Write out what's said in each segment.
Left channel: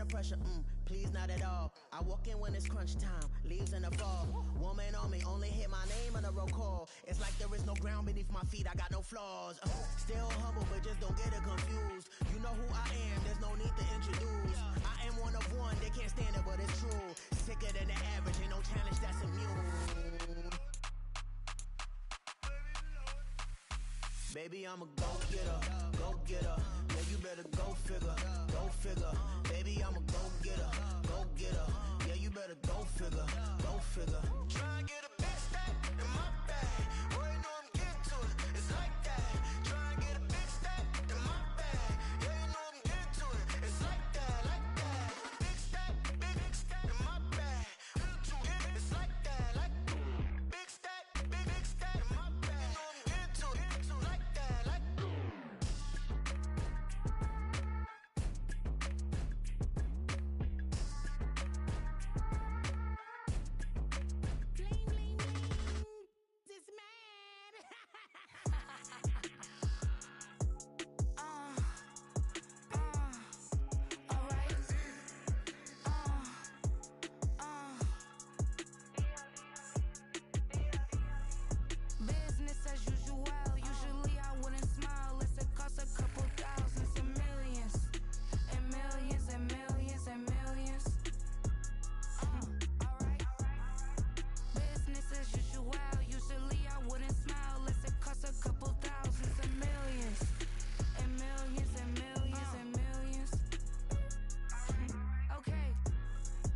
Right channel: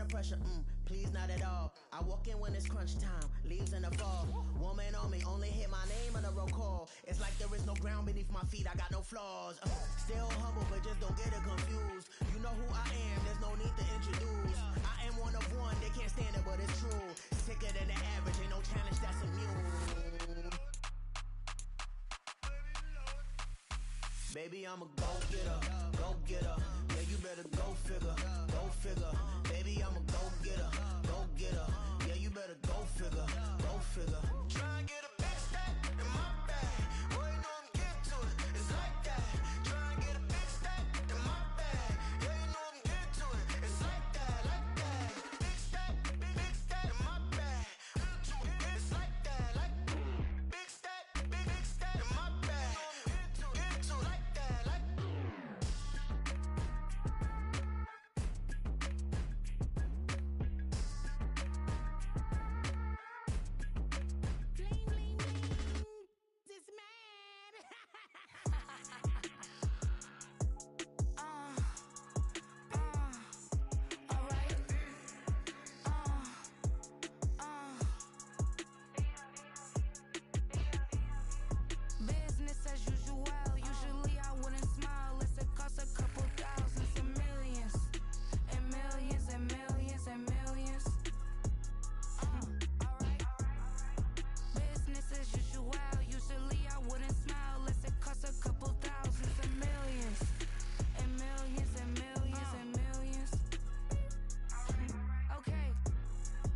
under pressure, please not at all. I walk in when it's crunch time, leaves in the fall. Woman on me, only hit my name on a roll call. It's like there is no ground beneath my feet, I got no flaws. Still humble, but just don't get it confused. You know who I am, there's no need to introduce. I am one of one, they can't stand it, but it's true. Sicker than the average, ain't no challenge that's immune. Baby, I'm a go-getter, go-getter. Yeah, you better go figure, go figure. Baby, I'm a go-getter, go-getter. Yeah, you better go figure, go figure. Try and get a big stack in my bag. Boy, you know I'm getting to it, it's like that. Try and get a big stack in my bag. Yeah, you know I'm getting to it, it's like that, like that. Big stack in my bag. It's like that, like big stack in my bag. You know I'm getting to it, like that, like. Bling, bling, bling. This man. Alright. Business as usual. Usually I wouldn't smile. It costs a couple thousands and millions. And millions and millions and millions. Alright. Business as usual. Usually I wouldn't smile. It costs a couple thousands and millions. And millions and millions and millions. Okay.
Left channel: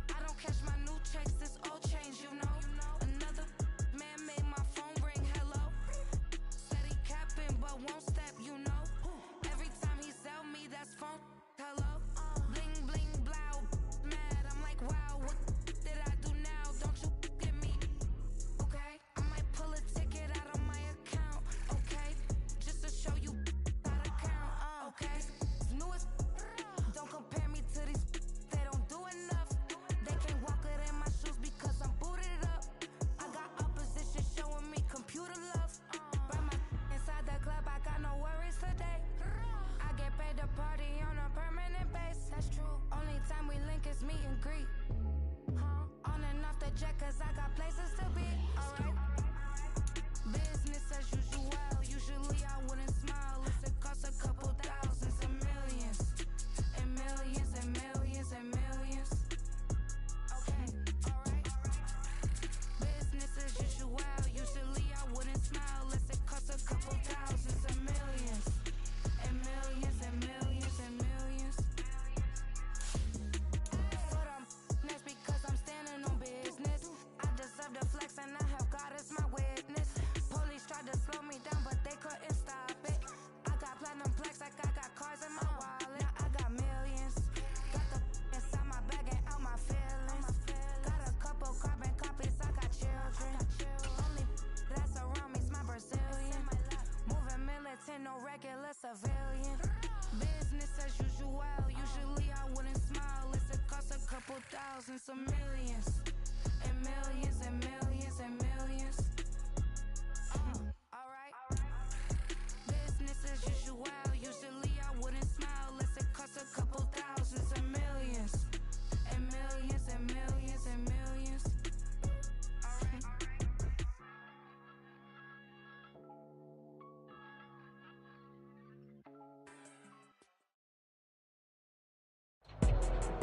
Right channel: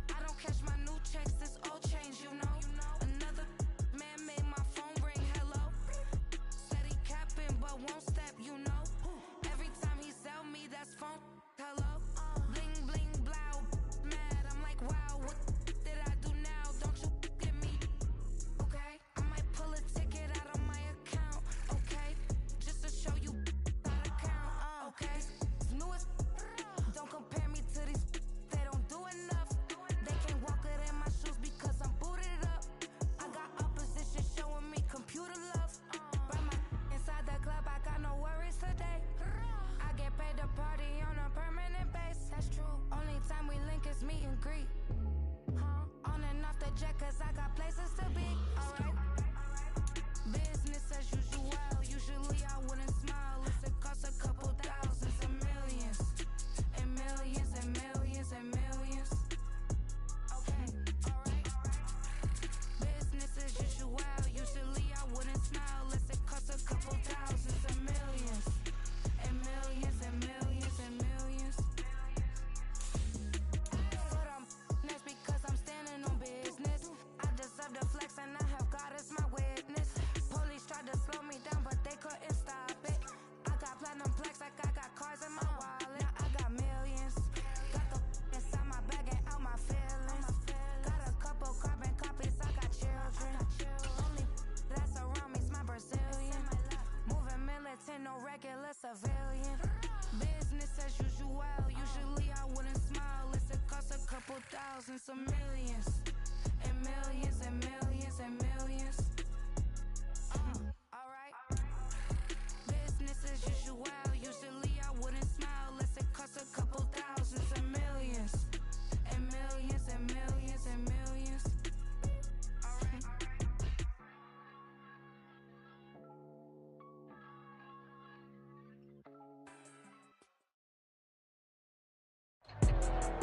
I don't cash my new checks, this old change, you know. Another man made my phone ring, hello. Said he capping but won't step, you know. Every time he sell me, that's phone, hello. Bling, bling, blow, mad. I'm like, wow, what did I do now? Don't you get me, okay? I might pull a ticket out of my account, okay? Just to show you how to count, okay? Newest, don't compare me to these, they don't do enough. They can't walk it in my shoes because I'm booted up. I got opposition showing me computer love. By my inside the club, I got no worries today. I get paid to party on a permanent base. That's true. Only time we link is meet and greet. On and off the jet, cause I got places to be. Alright. Business as usual. Usually I wouldn't smile. It costs a couple thousands and millions. And millions and millions and millions. Okay, alright. Business as usual. Usually I wouldn't smile. It costs a couple thousands and millions. And millions and millions and millions. But that's because I'm standing on business. I deserve the flex and I have God as my witness. Police tried to slow me down but they couldn't stop it. I got platinum plaques like I got cars in my wallet. Now I got millions. Got the inside my bag and out my feelings. Got a couple carbon copies, I got children. Only that's around me's my Brazilian. Moving militant, no regular civilian. Business as usual. Usually I wouldn't smile. It costs a couple thousands of millions. And millions and millions and millions. Alright. Business as usual. Usually I wouldn't smile. It costs a couple thousands and millions. And millions and millions and millions. Alright.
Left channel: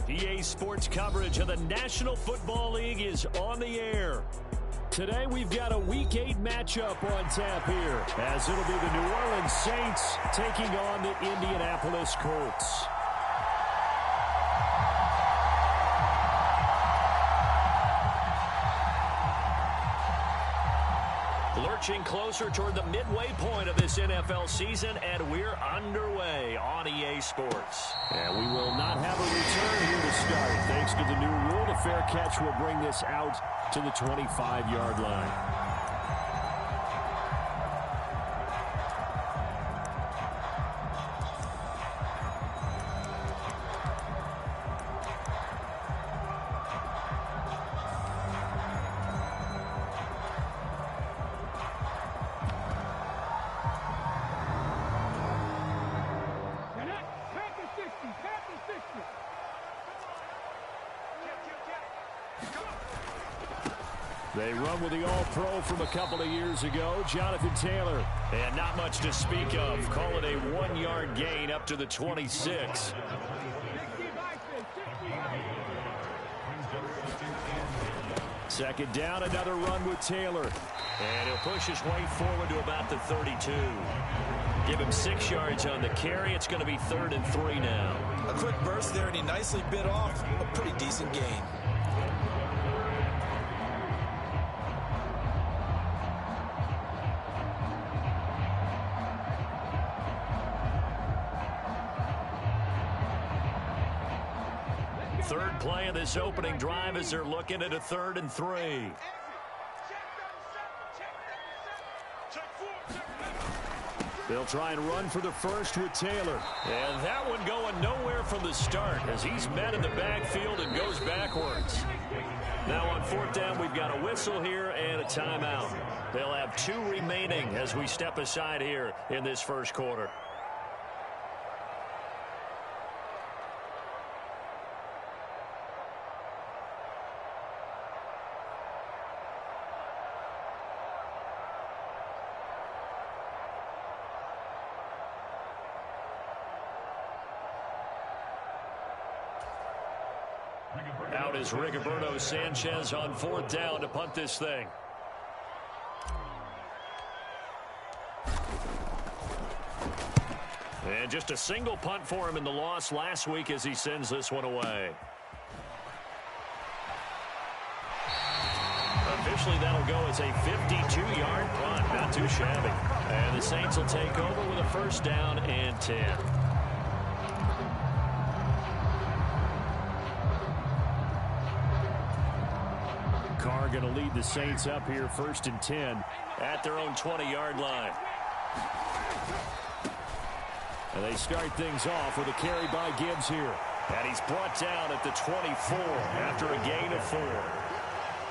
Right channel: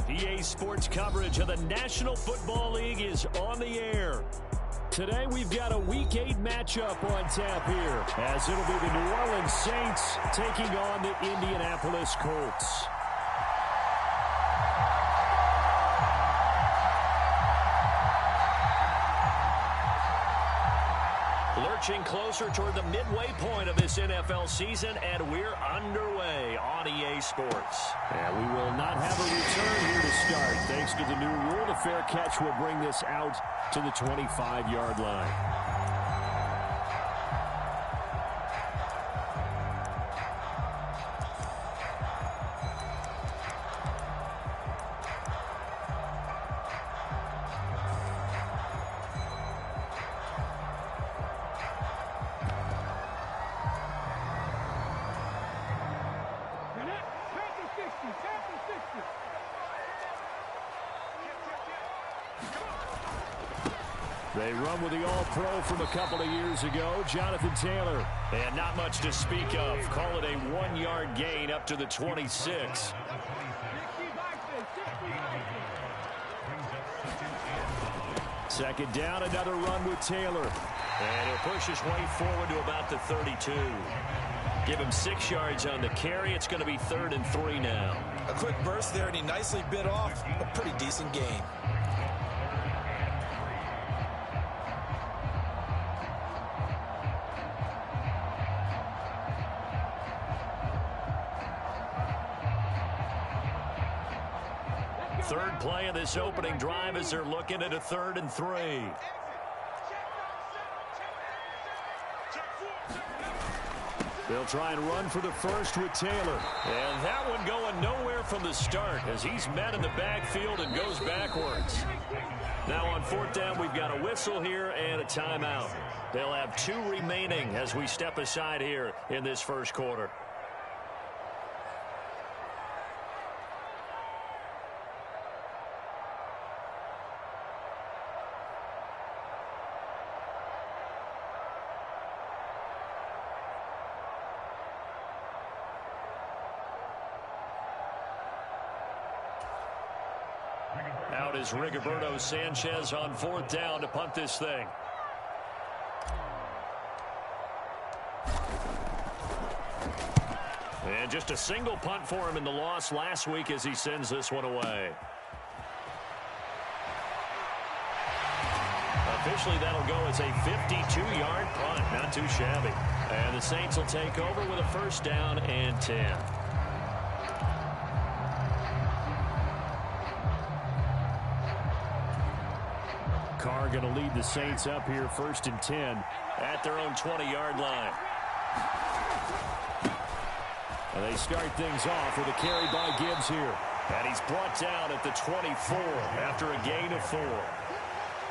EA Sports coverage of the National Football League is on the air. Today we've got a Week 8 matchup on tap here, as it'll be the New Orleans Saints taking on the Indianapolis Colts. Lurching closer toward the midway point of this NFL season, and we're underway on EA Sports. And we will not have a return here to start. Thanks to the new rule, the fair catch will bring this out to the 25-yard line. They run with the All-Pro from a couple of years ago, Jonathan Taylor. And not much to speak of. Call it a 1-yard gain up to the 26. Second down, another run with Taylor. And he'll push his way forward to about the 32. Give him 6 yards on the carry. It's going to be 3rd and 3 now. A quick burst there, and he nicely bit off a pretty decent gain. Third play of this opening drive as they're looking at a 3rd and 3. They'll try and run for the first with Taylor. And that one going nowhere from the start as he's met in the backfield and goes backwards. Now on 4th down, we've got a whistle here and a timeout. They'll have 2 remaining as we step aside here in this first quarter. Out is Rigoberto Sanchez on 4th down to punt this thing. And just a single punt for him in the loss last week as he sends this one away. Officially, that'll go as a 52-yard punt. Not too shabby. And the Saints will take over with a 1st down and 10. Carr going to lead the Saints up here 1st and 10 at their own 20-yard line. And they start things off with a carry by Gibbs here. And he's brought down at the 24 after a gain of 4.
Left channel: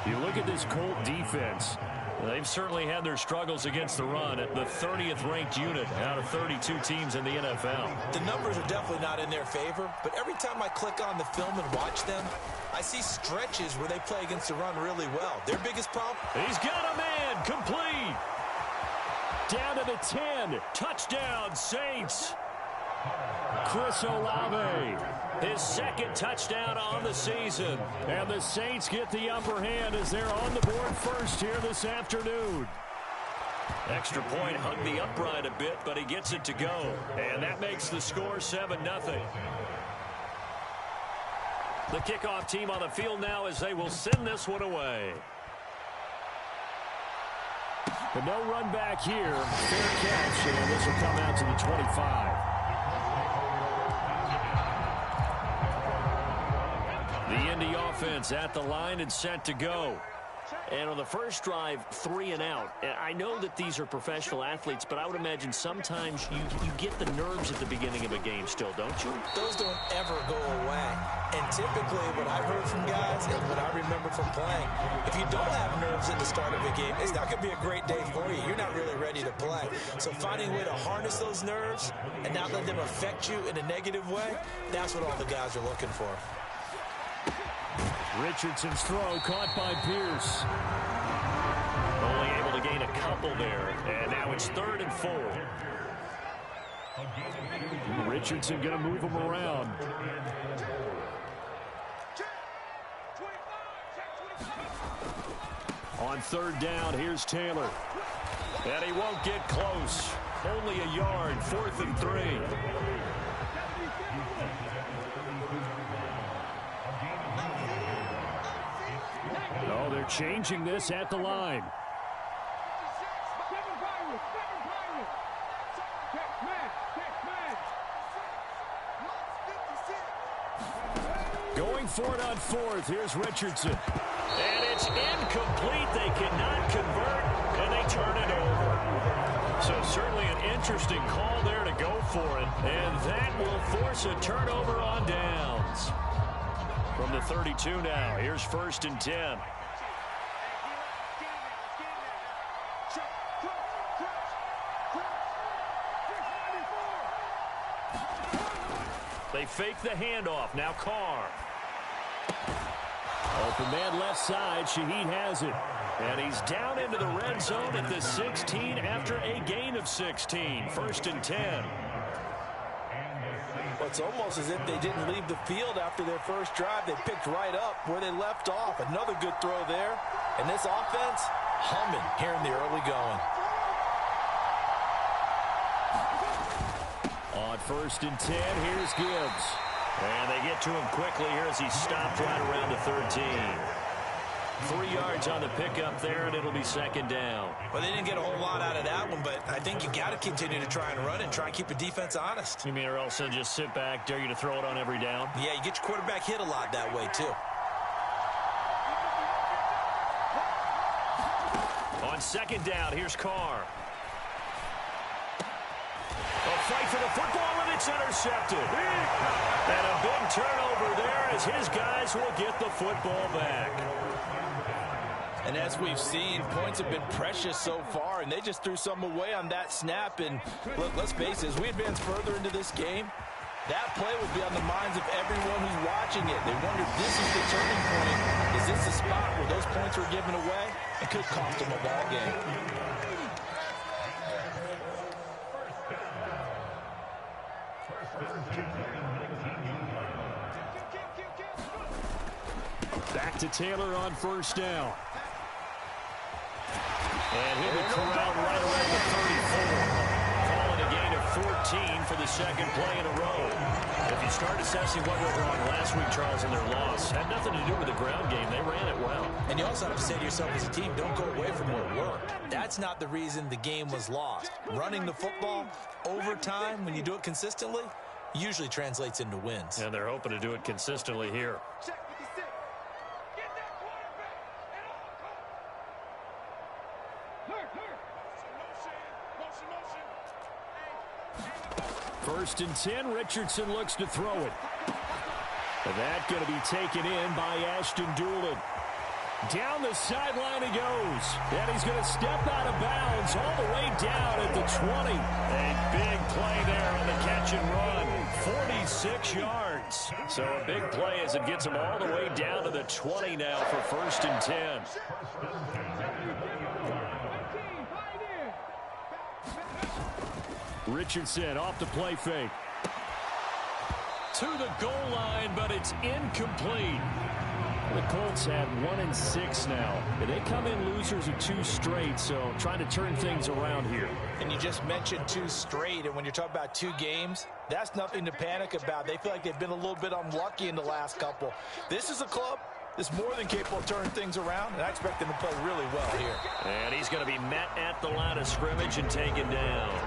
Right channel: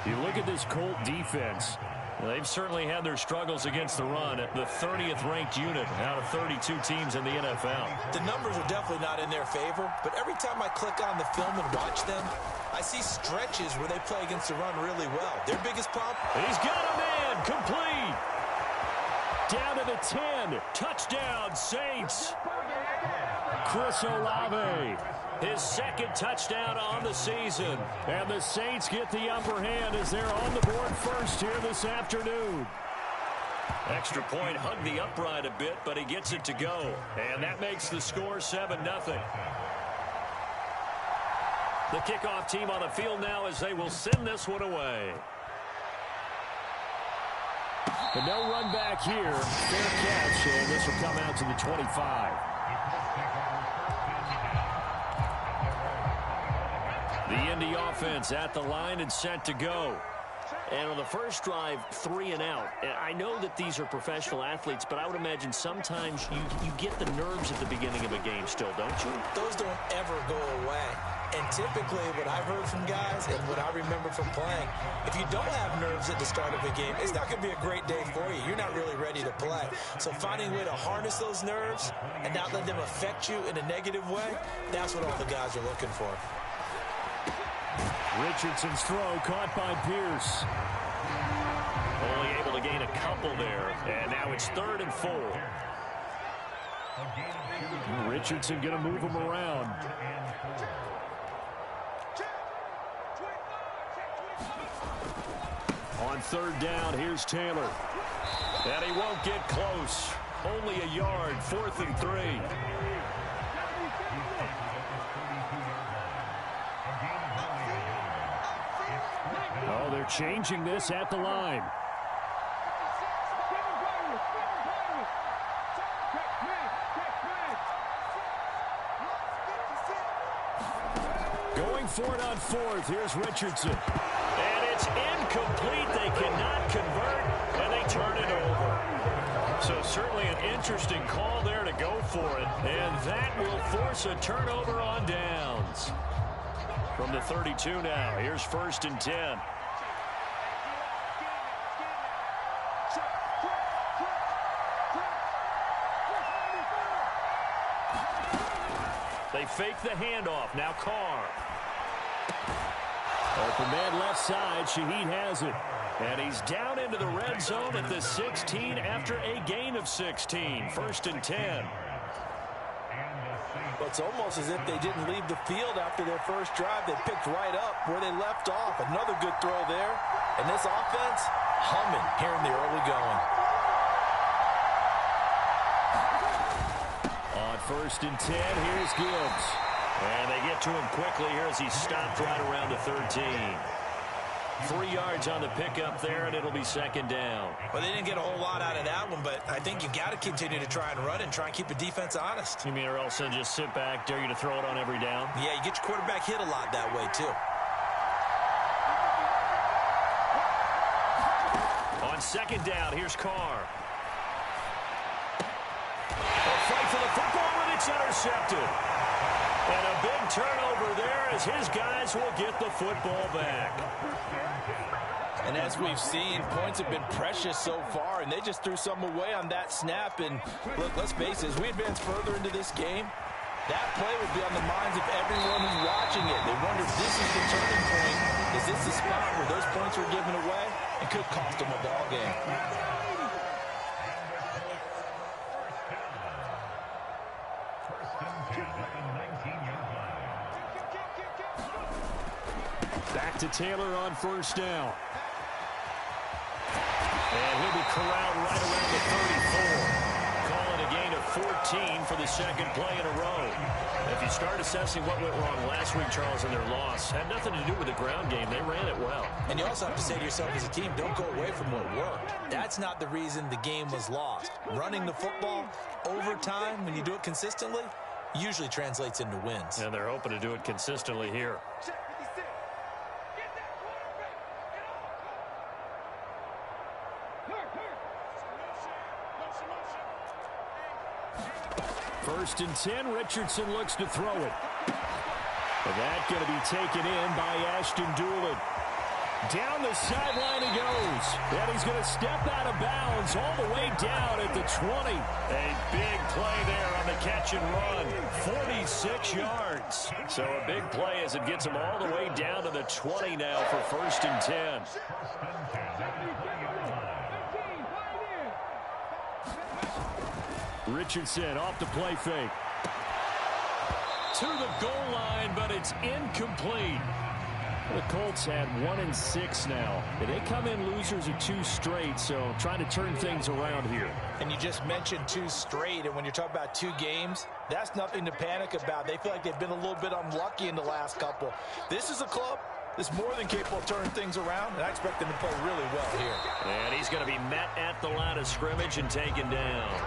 You look at this Colt defense. They've certainly had their struggles against the run at the 30th ranked unit out of 32 teams in the NFL. The numbers are definitely not in their favor, but every time I click on the film and watch them, I see stretches where they play against the run really well. Their biggest problem? He's got a man, complete. Down to the 10, touchdown Saints. Chris Olave, his 2nd touchdown on the season. And the Saints get the upper hand as they're on the board first here this afternoon. Extra point hugged the upright a bit, but he gets it to go. And that makes the score 7-0. The kickoff team on the field now as they will send this one away. But no run back here. Fair catch, and this will come out to the 25. The Indy offense at the line and set to go. And on the first drive, 3 and out. I know that these are professional athletes, but I would imagine sometimes you get the nerves at the beginning of a game still, don't you? Those don't ever go away. And typically what I've heard from guys and what I remember from playing, if you don't have nerves at the start of a game, it's not going to be a great day for you. You're not really ready to play. So finding a way to harness those nerves and not let them affect you in a negative way, that's what all the guys are looking for. Richardson's throw caught by Pierce. Only able to gain a couple there. And now it's 3rd and 4. Richardson going to move him around. On 3rd down, here's Taylor. And he won't get close. Only a yard, 4th and 3. Oh, they're changing this at the line. Going for it on 4th. Here's Richardson. And it's incomplete. They cannot convert, and they turn it over. So certainly an interesting call there to go for it. And that will force a turnover on downs. From the 32 now, here's 1st and 10. They fake the handoff. Now Carr. Open man left side. Shaheed has it. And he's down into the red zone at the 16 after a gain of 16. 1st and 10. Well, it's almost as if they didn't leave the field after their first drive. They picked right up where they left off. Another good throw there. And this offense, humming here in the early going. On 1st and 10, here's Gibbs. And they get to him quickly here as he stopped right around the 13. 3 yards on the pickup there, and it'll be 2nd down. Well, they didn't get a whole lot out of that one, but I think you got to continue to try and run and try and keep the defense honest. You mean or else they'll just sit back, dare you to throw it on every down? Yeah, you get your quarterback hit a lot that way, too. On 2nd down, here's Carr. A fight for the football, and it's intercepted. And a big turnover there as his guys will get the football back. And as we've seen, points have been precious so far, and they just threw some away on that snap. And look, let's face it, as we advance further into this game, that play will be on the minds of everyone who's watching it. They wonder if this is the turning point. Is this the spot where those points were given away? It could cost them a ball game. Back to Taylor on 1st down. And he'll be corralled right around the 34. Call it a gain of 14 for the 2nd play in a row. If you start assessing what went wrong last week, Charles, in their loss, had nothing to do with the ground game. They ran it well. And you also have to say to yourself as a team, don't go away from what worked. That's not the reason the game was lost. Running the football over time, when you do it consistently, usually translates into wins. And they're hoping to do it consistently here. First and 10, Richardson looks to throw it. And that going to be taken in by Ashton Doolin. Down the sideline he goes. And he's going to step out of bounds all the way down at the 20. A big play there on the catch and run. 46 yards. So a big play as it gets him all the way down to the 20 now for 1st and 10. Richardson off the play fake. To the goal line, but it's incomplete. The Colts had 1-6 now. They come in losers of 2 straight, so trying to turn things around here. And you just mentioned 2 straight, and when you're talking about 2 games, that's nothing to panic about. They feel like they've been a little bit unlucky in the last couple. This is a club that's more than capable of turning things around, and I expect them to play really well here. And he's going to be met at the line of scrimmage and taken down.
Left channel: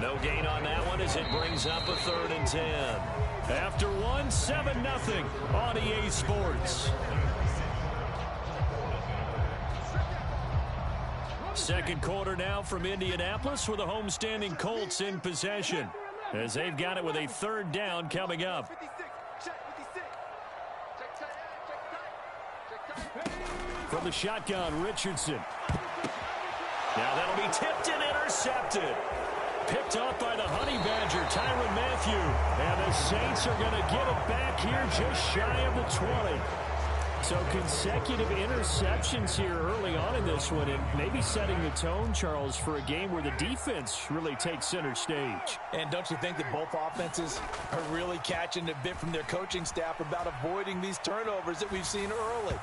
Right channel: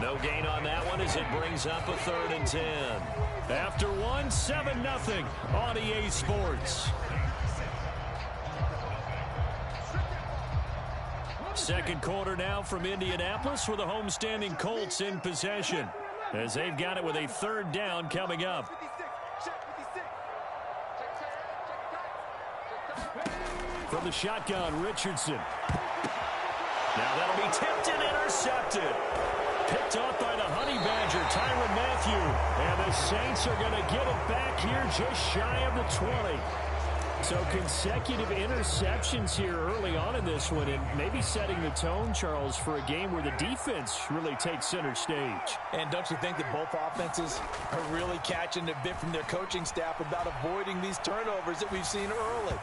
No gain on that one as it brings up a 3rd and 10. After 1, 7-0 on EA Sports. Second quarter now from Indianapolis with the homestanding Colts in possession as they've got it with a 3rd down coming up. From the shotgun, Richardson. Now that'll be tipped and intercepted. Picked off by the Honey Badger, Tyrann Mathieu. And the Saints are going to get it back here just shy of the 20. So consecutive interceptions here early on in this one, and maybe setting the tone, Charles, for a game where the defense really takes center stage. And don't you think that both offenses are really catching a bit from their coaching staff about avoiding these turnovers that we've seen early?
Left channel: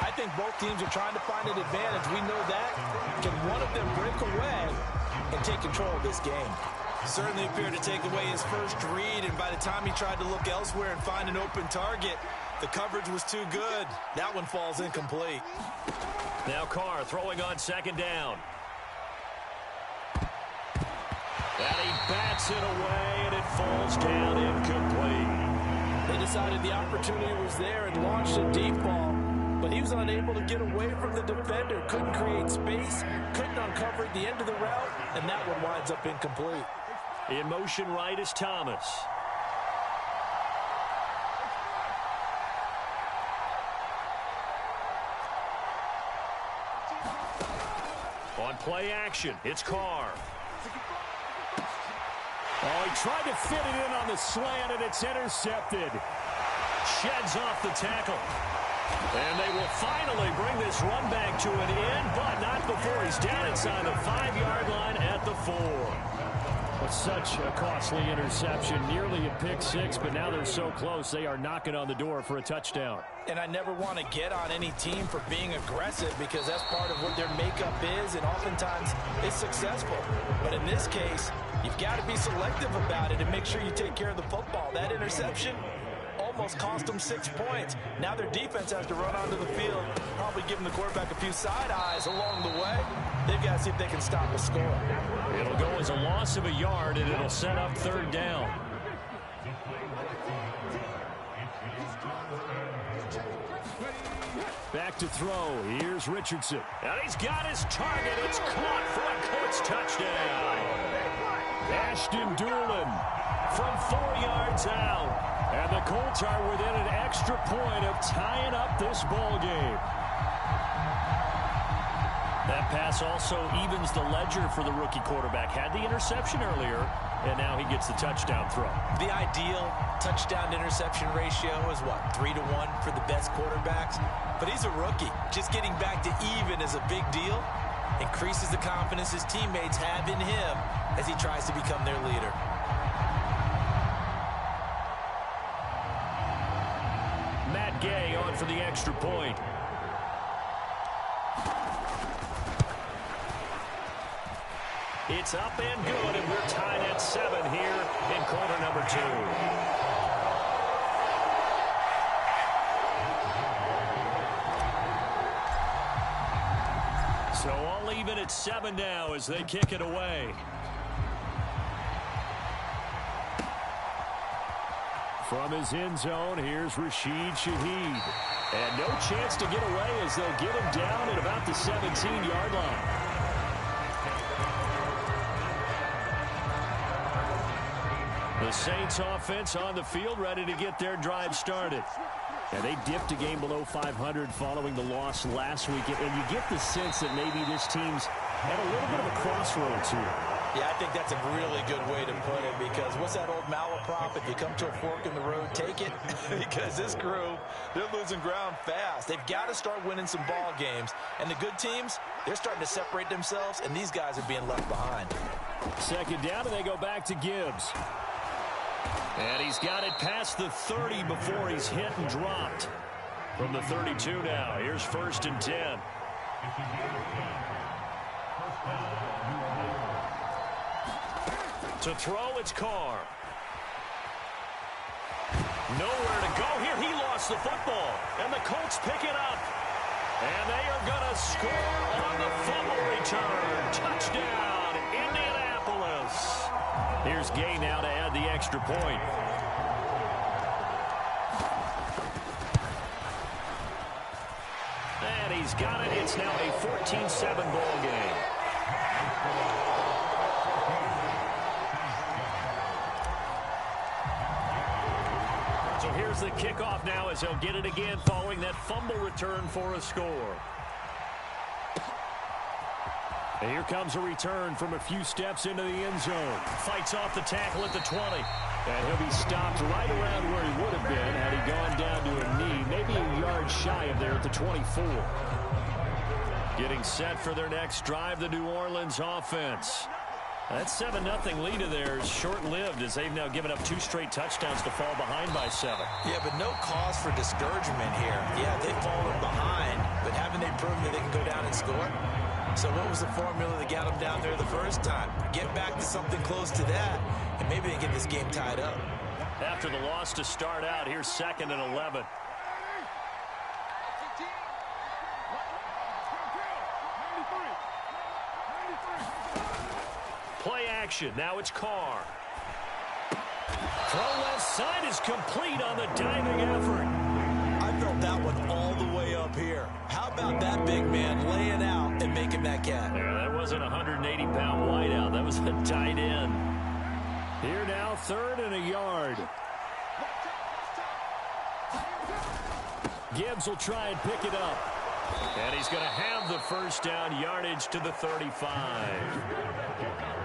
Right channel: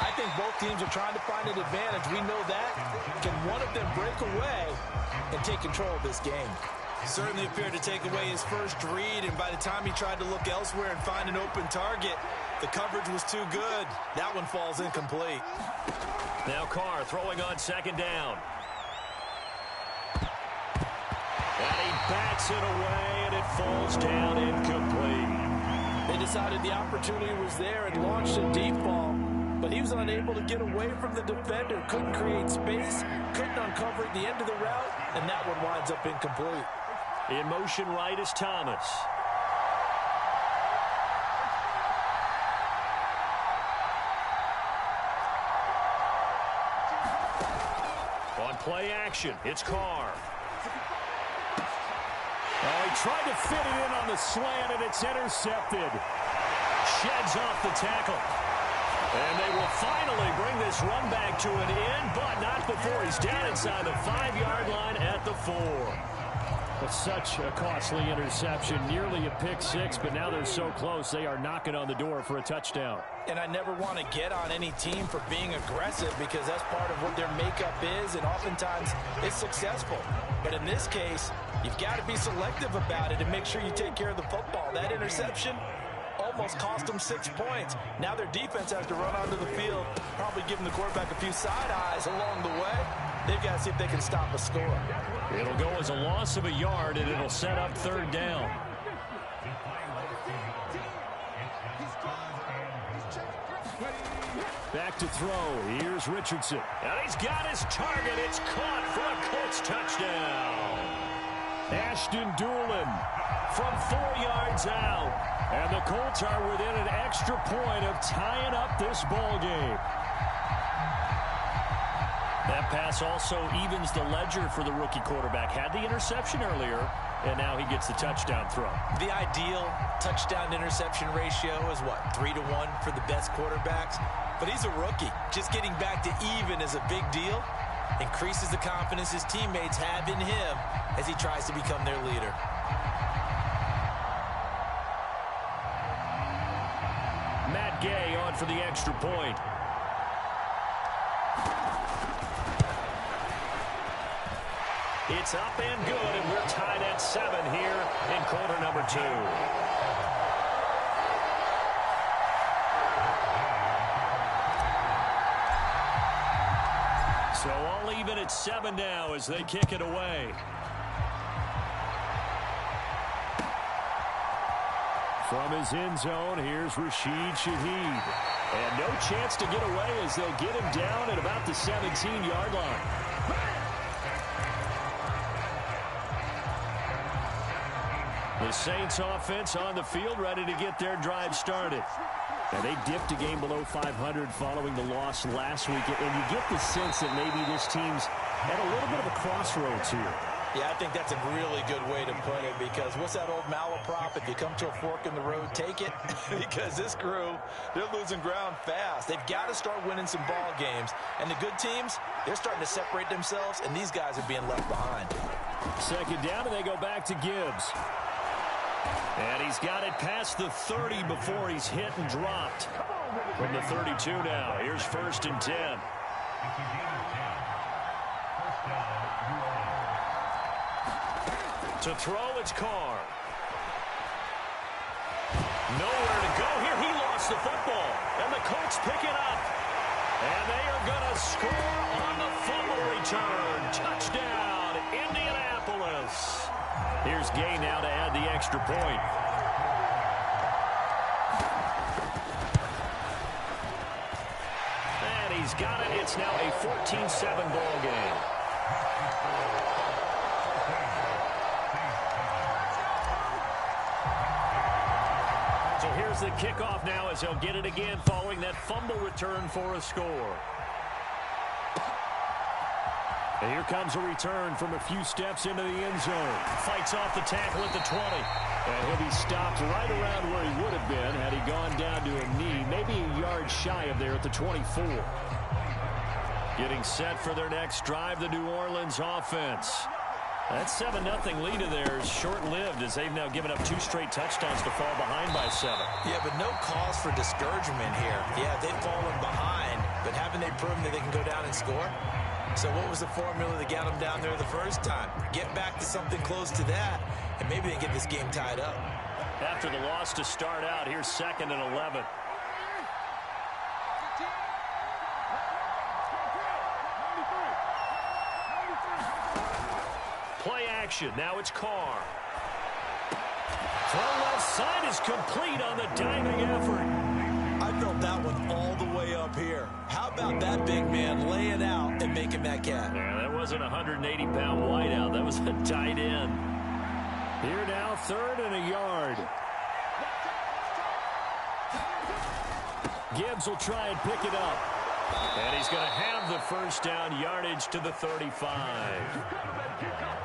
I think both teams are trying to find an advantage. We know that. Can one of them break away and take control of this game? Certainly appeared to take away his first read, and by the time he tried to look elsewhere and find an open target, the coverage was too good. That one falls incomplete. Now Carr throwing on 2nd down. And he bats it away, and it falls down incomplete. They decided the opportunity was there and launched a deep ball, but he was unable to get away from the defender, couldn't create space, couldn't uncover at the end of the route, and that one winds up incomplete. In motion right is Thomas. On play action, it's Carr. Oh, he tried to fit it in on the slant, and it's intercepted. Sheds off the tackle. And they will finally bring this run back to an end, but not before he's down inside the 5-yard line at the 4. Well, such a costly interception, nearly a pick six, but now they're so close they are knocking on the door for a touchdown. And I never want to get on any team for being aggressive because that's part of what their makeup is, and oftentimes it's successful. But in this case, you've got to be selective about it and make sure you take care of the football. That interception almost cost them 6 points. Now their defense has to run onto the field, probably giving the quarterback a few side eyes along the way. They've got to see if they can stop a score. It'll go as a loss of a yard, and it'll set up 3rd down. Back to throw. Here's Richardson. And he's got his target. It's caught for a Colts touchdown. Ashton Doolin from 4 yards out. And the Colts are within an extra point of tying up this ball game. That pass also evens the ledger for the rookie quarterback. Had the interception earlier, and now he gets the touchdown throw. The ideal touchdown-interception ratio is what, 3-to-1 for the best quarterbacks? But he's a rookie. Just getting back to even is a big deal. Increases the confidence his teammates have in him as he tries to become their leader. Matt Gay on for the extra point. It's up and good, and we're tied at 7 here in quarter number 2. So all even at 7 now as they kick it away. From his end zone, here's Rashid Shaheed. And no chance to get away as they'll get him down at about the 17-yard line. The Saints offense on the field, ready to get their drive started. And they dipped a game below 500 following the loss last week. And you get the sense that maybe this team's at a little bit of a crossroads here. Yeah, I think that's a really good way to put it, because what's that old malaprop? If you come to a fork in the road, take it. Because this crew, they're losing ground fast. They've got to start winning some ball games. And the good teams, they're starting to separate themselves, and these guys are being left behind. 2nd down, and they go back to Gibbs. And he's got it past the 30 before he's hit and dropped. From the 32 now, here's 1st and 10. To throw, it's Carr. Nowhere to go here. He lost the football. And the Colts pick it up. And they are going to score on the fumble return. Touchdown, Indianapolis. Here's Gay now to add the extra point. And he's got it. It's now a 14-7 ball game. So here's the kickoff now as they'll get it again following that fumble return for a score. And here comes a return from a few steps into the end zone. Fights off the tackle at the 20. And he'll be stopped right around where he would have been had he gone down to a knee, maybe a yard shy of there at the 24. Getting set for their next drive, the New Orleans offense. That 7-0 lead of theirs short-lived as they've now given up 2 straight touchdowns to fall behind by 7. Yeah, but no cause for discouragement here. Yeah, they've fallen behind, but haven't they proven that they can go down and score? So what was the formula that got them down there the first time? Get back to something close to that, and maybe they get this game tied up. After the loss to start out, here's 2nd and 11. Play action. Now it's Carr. Throw left side is complete on the diving effort. I felt that one all the way up here. How about that big man laying out and making that catch? Yeah, that wasn't a 180-pound wideout. That was a tight end. Here now, 3rd and a yard. Gibbs will try and pick it up. And he's going to have the 1st down, yardage to the 35.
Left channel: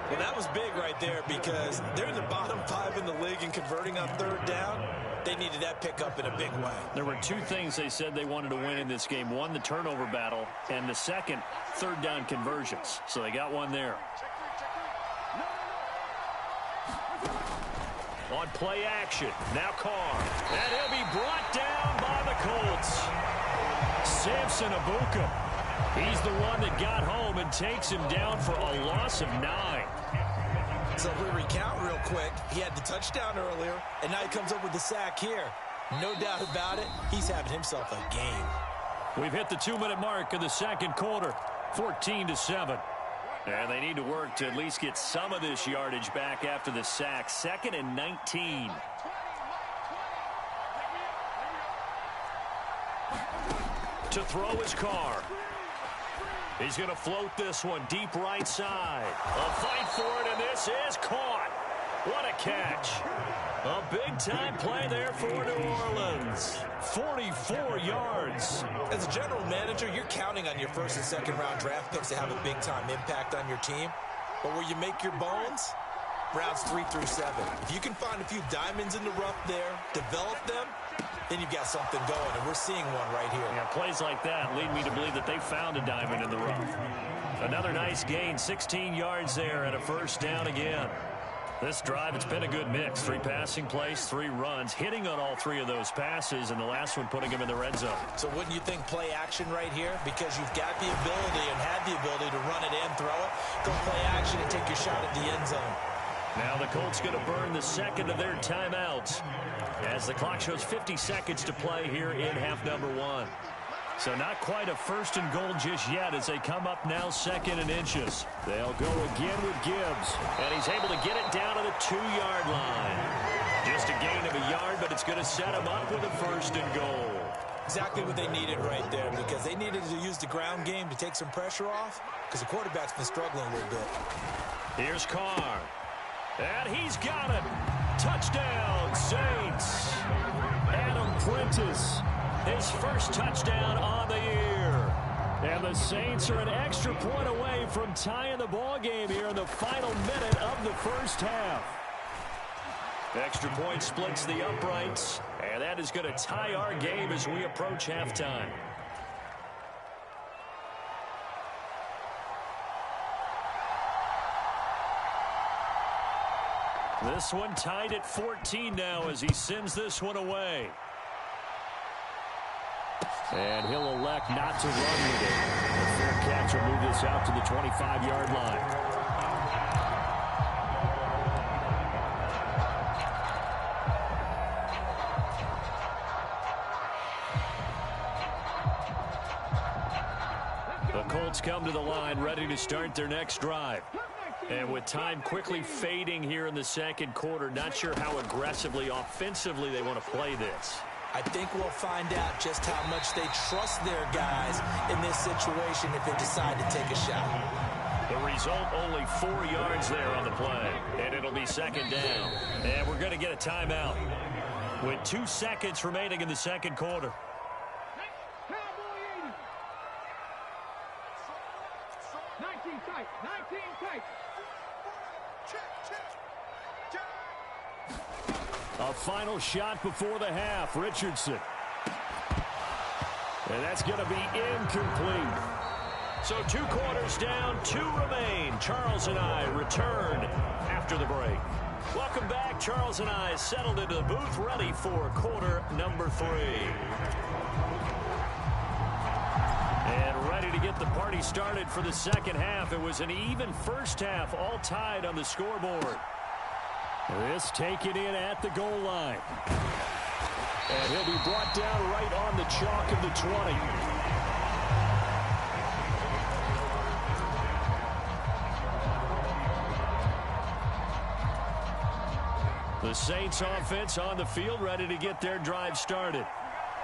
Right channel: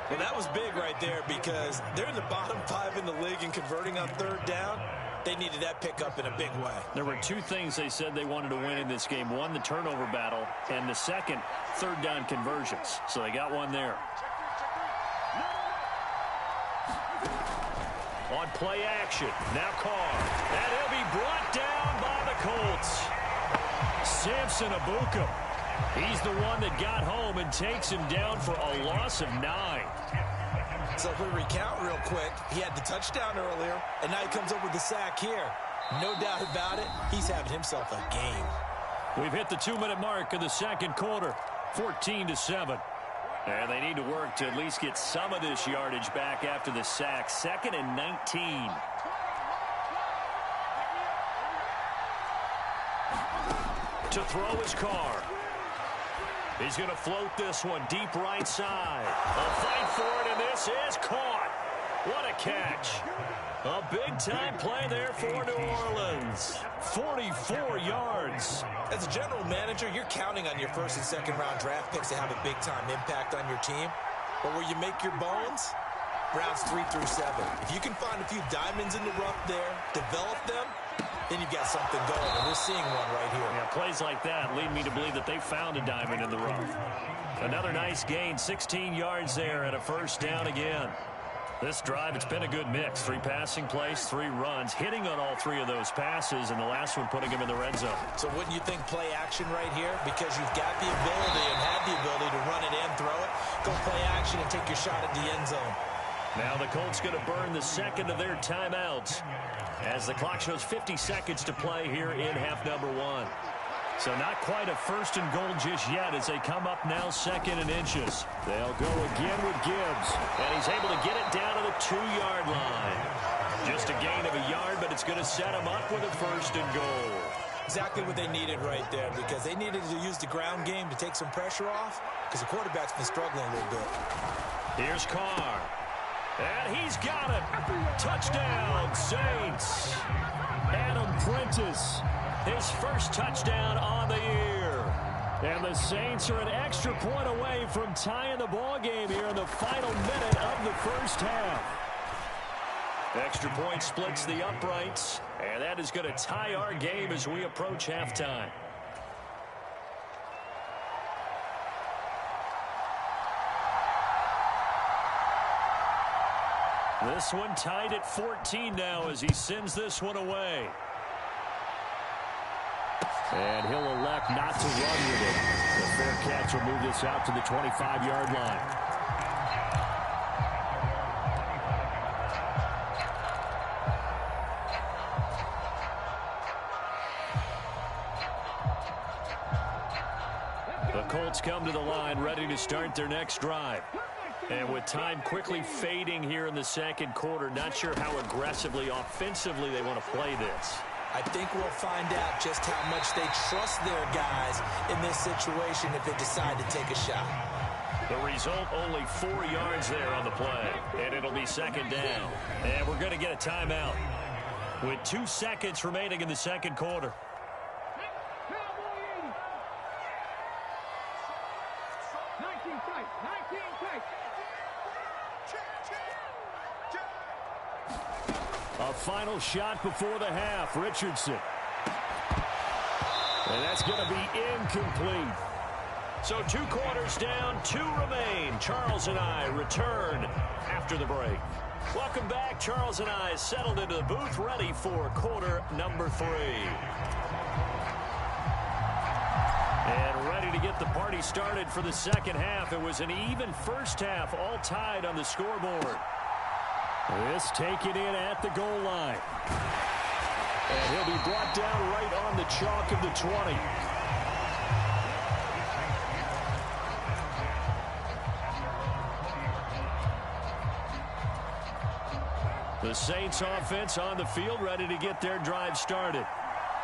Well, that was big right there because they're in the bottom 5 in the league in converting on 3rd down. They needed that pickup in a big way. There were two things they said they wanted to win in this game. One, the turnover battle, and the second, third down conversions. So they got one there. On play action, now Carr. And he'll be brought down by the Colts. Samson Ebukam. He's the one that got home and takes him down for a loss of 9. So if we recount real quick, he had the touchdown earlier, and now he comes up with the sack here. No doubt about it, he's having himself a game. We've hit the 2-minute mark of the second quarter, 14-7. And they need to work to at least get some of this yardage back after the sack. 2nd and 19. To throw his Carr. He's going to float this one deep right side. A fight for it, and this is caught. What a catch. A big-time play there for New Orleans. 44 yards. As a general manager, you're counting on your first and second round draft picks to have a big-time impact on your team. But where you make your bones, rounds 3 through 7. If you can find a few diamonds in the rough there, develop them, then you've got something going, and we're seeing one right here. Yeah, plays like that lead me to believe that they found a diamond in the rough. Another nice gain, 16 yards there and a first down again. This drive, it's been a good mix. 3 passing plays, 3 runs, hitting on all 3 of those passes, and the last one putting him in the red zone. So wouldn't you think play action right here? Because you've got the ability and had the ability to run it and throw it. Go play action and take your shot at the end zone. Now the Colts going to burn the second of their timeouts as the clock shows 50 seconds to play here in half number 1. So not quite a first and goal just yet as they come up now 2nd and inches. They'll go again with Gibbs, and he's able to get it down to the 2-yard line. Just a gain of a yard, but it's going to set him up with a first and goal. Exactly what they needed right there, because they needed to use the ground game to take some pressure off, because the quarterback's been struggling a little bit. Here's Carr. And he's got it. Touchdown, Saints. Adam Prentice, his first touchdown on the year. And the Saints are an extra point away from tying the ball game here in the final minute of the first half. Extra point splits the uprights, and that is going to tie our game as we approach halftime. This one tied at 14 now as he sends this one away. And he'll elect not to run with it. The fair catch will move this out to the 25-yard line. The Colts come to the line ready to start their next drive. And with time quickly fading here in the second quarter, not sure how aggressively, offensively they want to play this. I think we'll find out just how much they trust their guys in this situation if they decide to take a shot. The result, only 4 yards there on the play. And it'll be 2nd down. And we're going to get a timeout with 2 seconds remaining in the second quarter. A final shot before the half. Richardson. And that's going to be incomplete. So 2 quarters down, 2 remain. Charles and I return after the break. Welcome back. Charles and I settled into the booth, ready for quarter number 3. And ready to get the party started for the second half. It was an even first half, all tied on the scoreboard. This taken in at the goal line. And he'll be brought down right on the chalk of the 20. The Saints offense on the field, ready to get their drive started.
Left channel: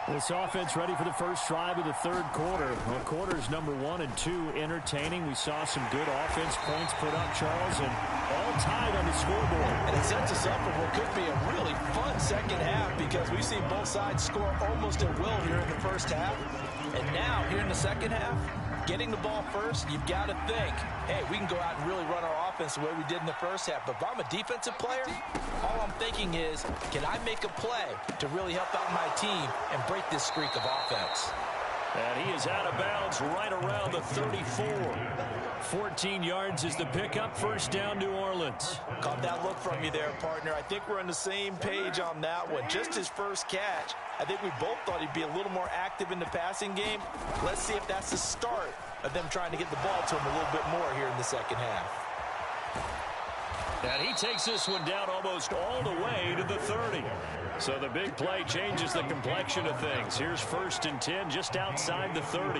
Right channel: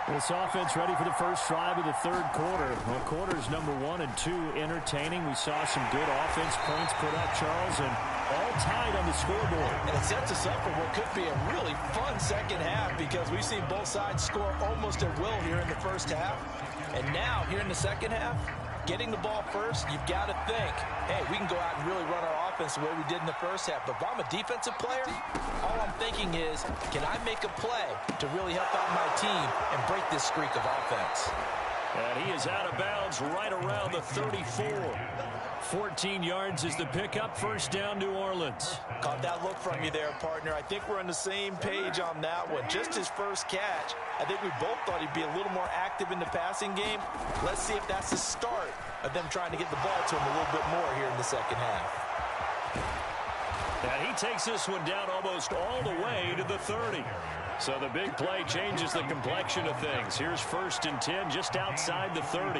This offense ready for the first drive of the third quarter. Well, quarters number 1 and 2 entertaining. We saw some good offense points put up, Charles, and all tied on the scoreboard. And it sets us up for what could be a really fun second half, because we've seen both sides score almost at will here in the first half. And now, here in the second half, getting the ball first, you've got to think, hey, we can go out and really run our offense the way we did in the first half. But if I'm a defensive player, all all I'm thinking is, can I make a play to really help out my team and break this streak of offense? And he is out of bounds right around the 34. 14 yards is the pickup. First down, New Orleans. Caught that look from you there, partner. I think we're on the same page on that one. Just his first catch. I think we both thought he'd be a little more active in the passing game. Let's see if that's the start of them trying to get the ball to him a little bit more here in the second half. And he takes this one down almost all the way to the 30. So the big play changes the complexion of things. Here's 1st and 10 just outside the 30.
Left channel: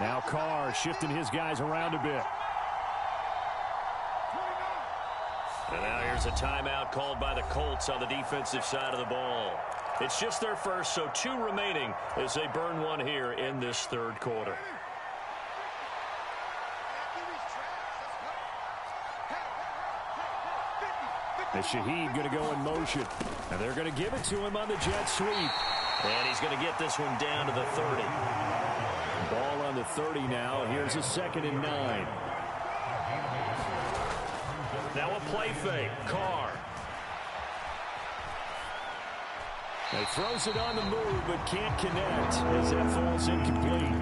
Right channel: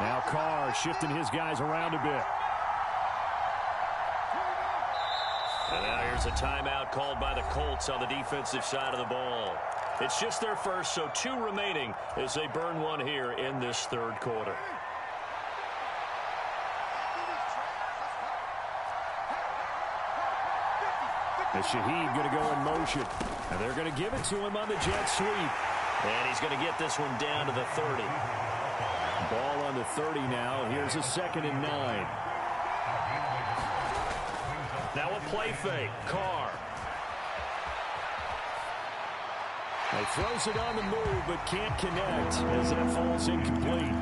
Now Carr shifting his guys around a bit. And now here's a timeout called by the Colts on the defensive side of the ball. It's just their first, so 2 remaining as they burn one here in this 3rd quarter. And Shaheed going to go in motion. And they're going to give it to him on the jet sweep. And he's going to get this one down to the 30. Ball on the 30 now. Here's a 2nd and 9. Now a play fake. Carr. He throws it on the move but can't connect as that falls incomplete.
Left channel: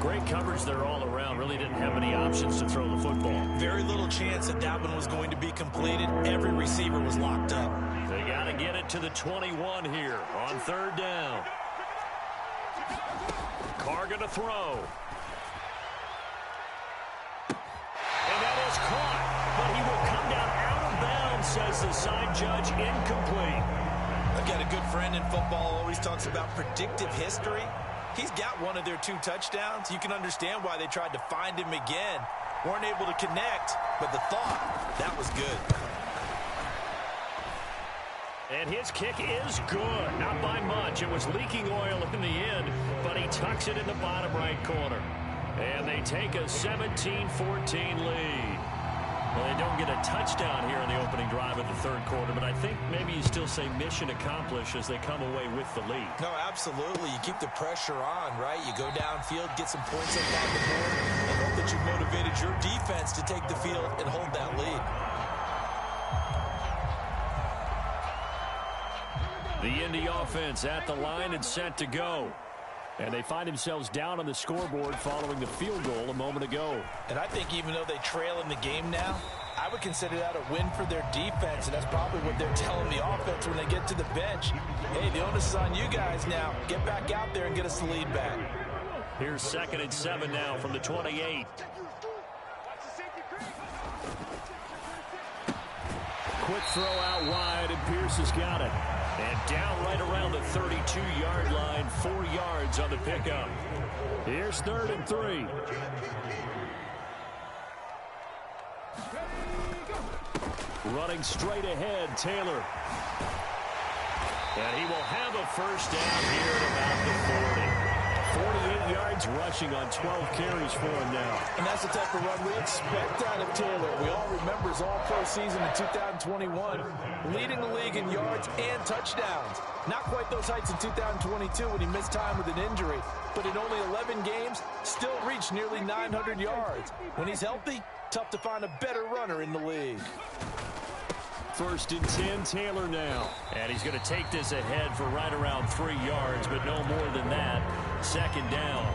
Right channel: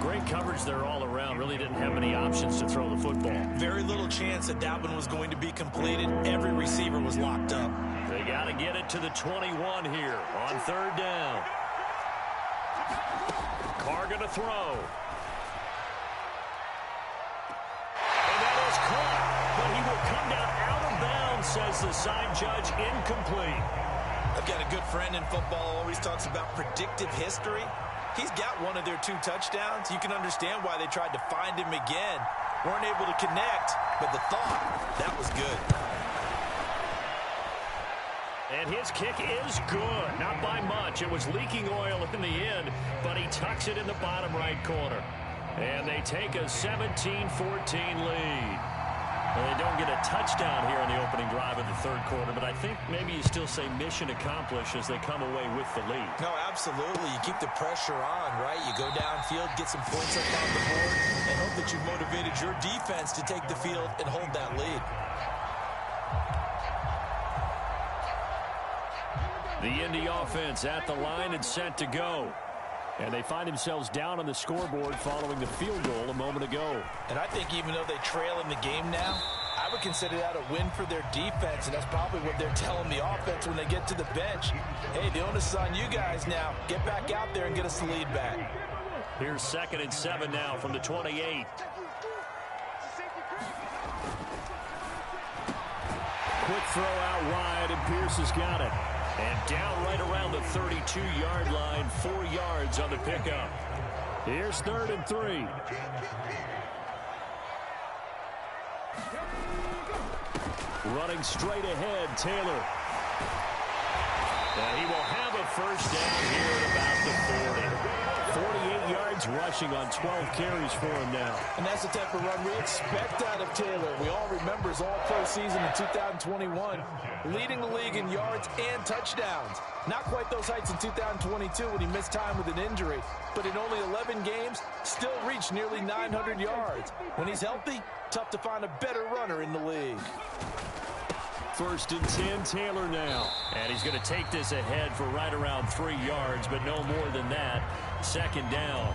Great coverage there all around. Really didn't have many options to throw the football. Very little chance that that one was going to be completed. Every receiver was locked up. They got to get it to the 21 here on 3rd down. Carr going to throw. And that is caught. But he will come down out of bounds, says the side judge. Incomplete. I've got a good friend in football, always talks about predictive history. He's got one of their 2 touchdowns. You can understand why they tried to find him again. Weren't able to connect, but the thought, that was good. And his kick is good. Not by much. It was leaking oil in the end, but he tucks it in the bottom right corner. And they take a 17-14 lead. Well, they don't get a touchdown here in the opening drive of the 3rd quarter, but I think maybe you still say mission accomplished as they come away with the lead. No, absolutely. You keep the pressure on, right? You go downfield, get some points up on the board, and hope that you've motivated your defense to take the field and hold that lead. The Indy offense at the line and set to go. And they find themselves down on the scoreboard following the field goal a moment ago. And I think even though they trail in the game now, I would consider that a win for their defense, and that's probably what they're telling the offense when they get to the bench. Hey, the onus is on you guys now. Get back out there and get us the lead back. Here's 2nd and 7 now from the 28. Quick throw out wide, and Pierce has got it. And down right around the 32-yard line, 4 yards on the pickup. Here's 3rd and 3. Running straight ahead, Taylor. And he will have a first down here at about the 40. 48 yards rushing on 12 carries for him now. And that's the type of run we expect out of Taylor. We all remember his all-pro season in 2021, leading the league in yards and touchdowns. Not quite those heights in 2022 when he missed time with an injury, but in only 11 games, still reached nearly 900 yards. When he's healthy, tough to find a better runner in the league. 1st and 10, Taylor now. And he's going to take this ahead for right around 3 yards, but no more than that. 2nd down.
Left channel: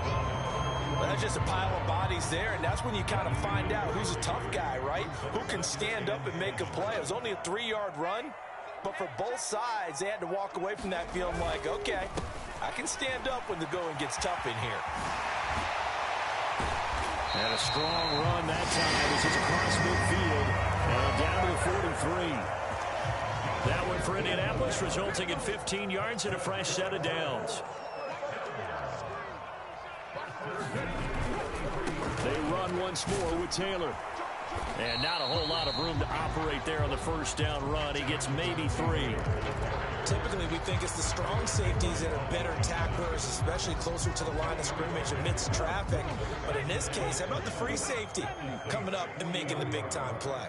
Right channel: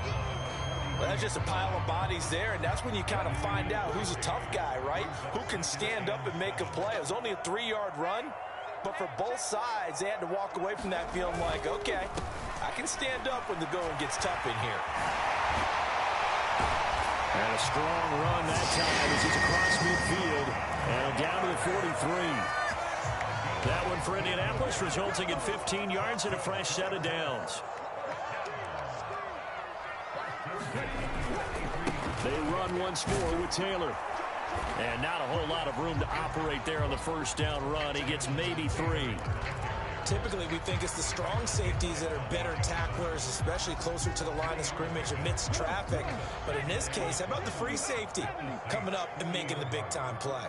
Well, that's just a pile of bodies there, and that's when you kind of find out who's a tough guy, right? Who can stand up and make a play. It was only a 3-yard run, but for both sides, they had to walk away from that feeling like, okay, I can stand up when the going gets tough in here. And a strong run that time as he's across midfield and down to the 43. That one for Indianapolis, resulting in 15 yards and a fresh set of downs. They run once more with Taylor. And not a whole lot of room to operate there on the first down run. He gets maybe 3. Typically, we think it's the strong safeties that are better tacklers, especially closer to the line of scrimmage amidst traffic. But in this case, how about the free safety coming up and making the big-time play?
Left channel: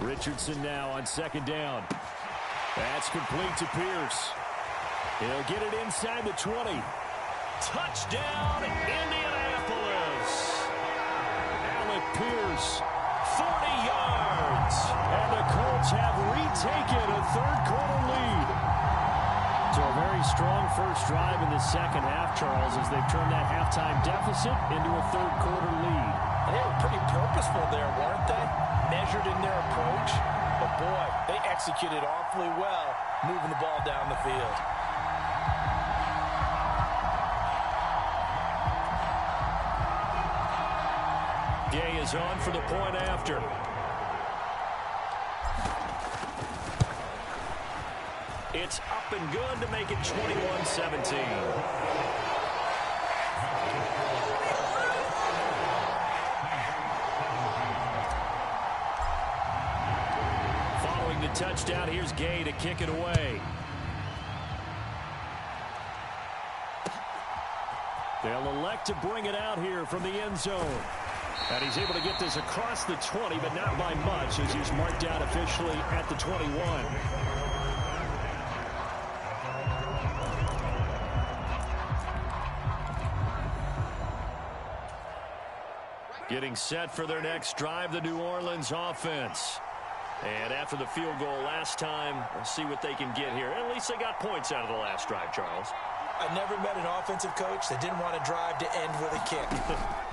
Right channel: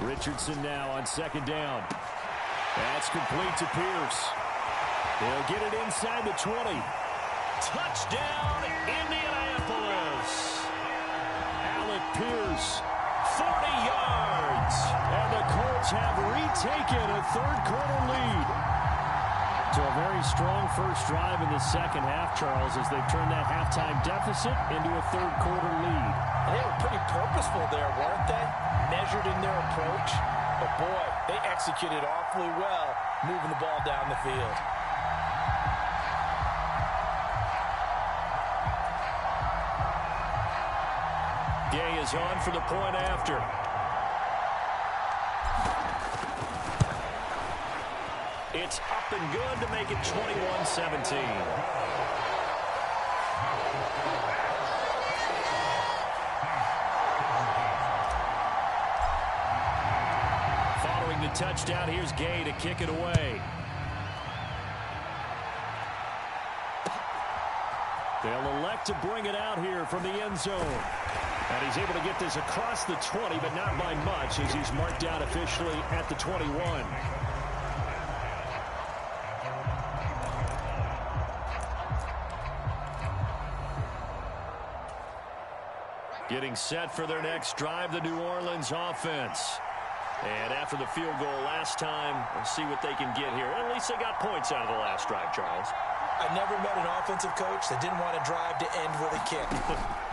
Richardson now on 2nd down. That's complete to Pierce. He'll get it inside the 20. Touchdown, Indianapolis. Alec Pierce, 40 yards. And the Colts have retaken a third-quarter lead. So a very strong first drive in the second half, Charles, as they've turned that halftime deficit into a third-quarter lead. And they were pretty purposeful there, weren't they? Measured in their approach. But, boy, they executed awfully well moving the ball down the field. Gay is on for the point after. It's up and good to make it 21-17. Following the touchdown, here's Gay to kick it away. They'll elect to bring it out here from the end zone. And he's able to get this across the 20, but not by much, as he's marked out officially at the 21. Getting set for their next drive, the New Orleans offense. And after the field goal last time, we'll see what they can get here. At least they got points out of the last drive, Charles. I never met an offensive coach that didn't want to drive to end with a kick.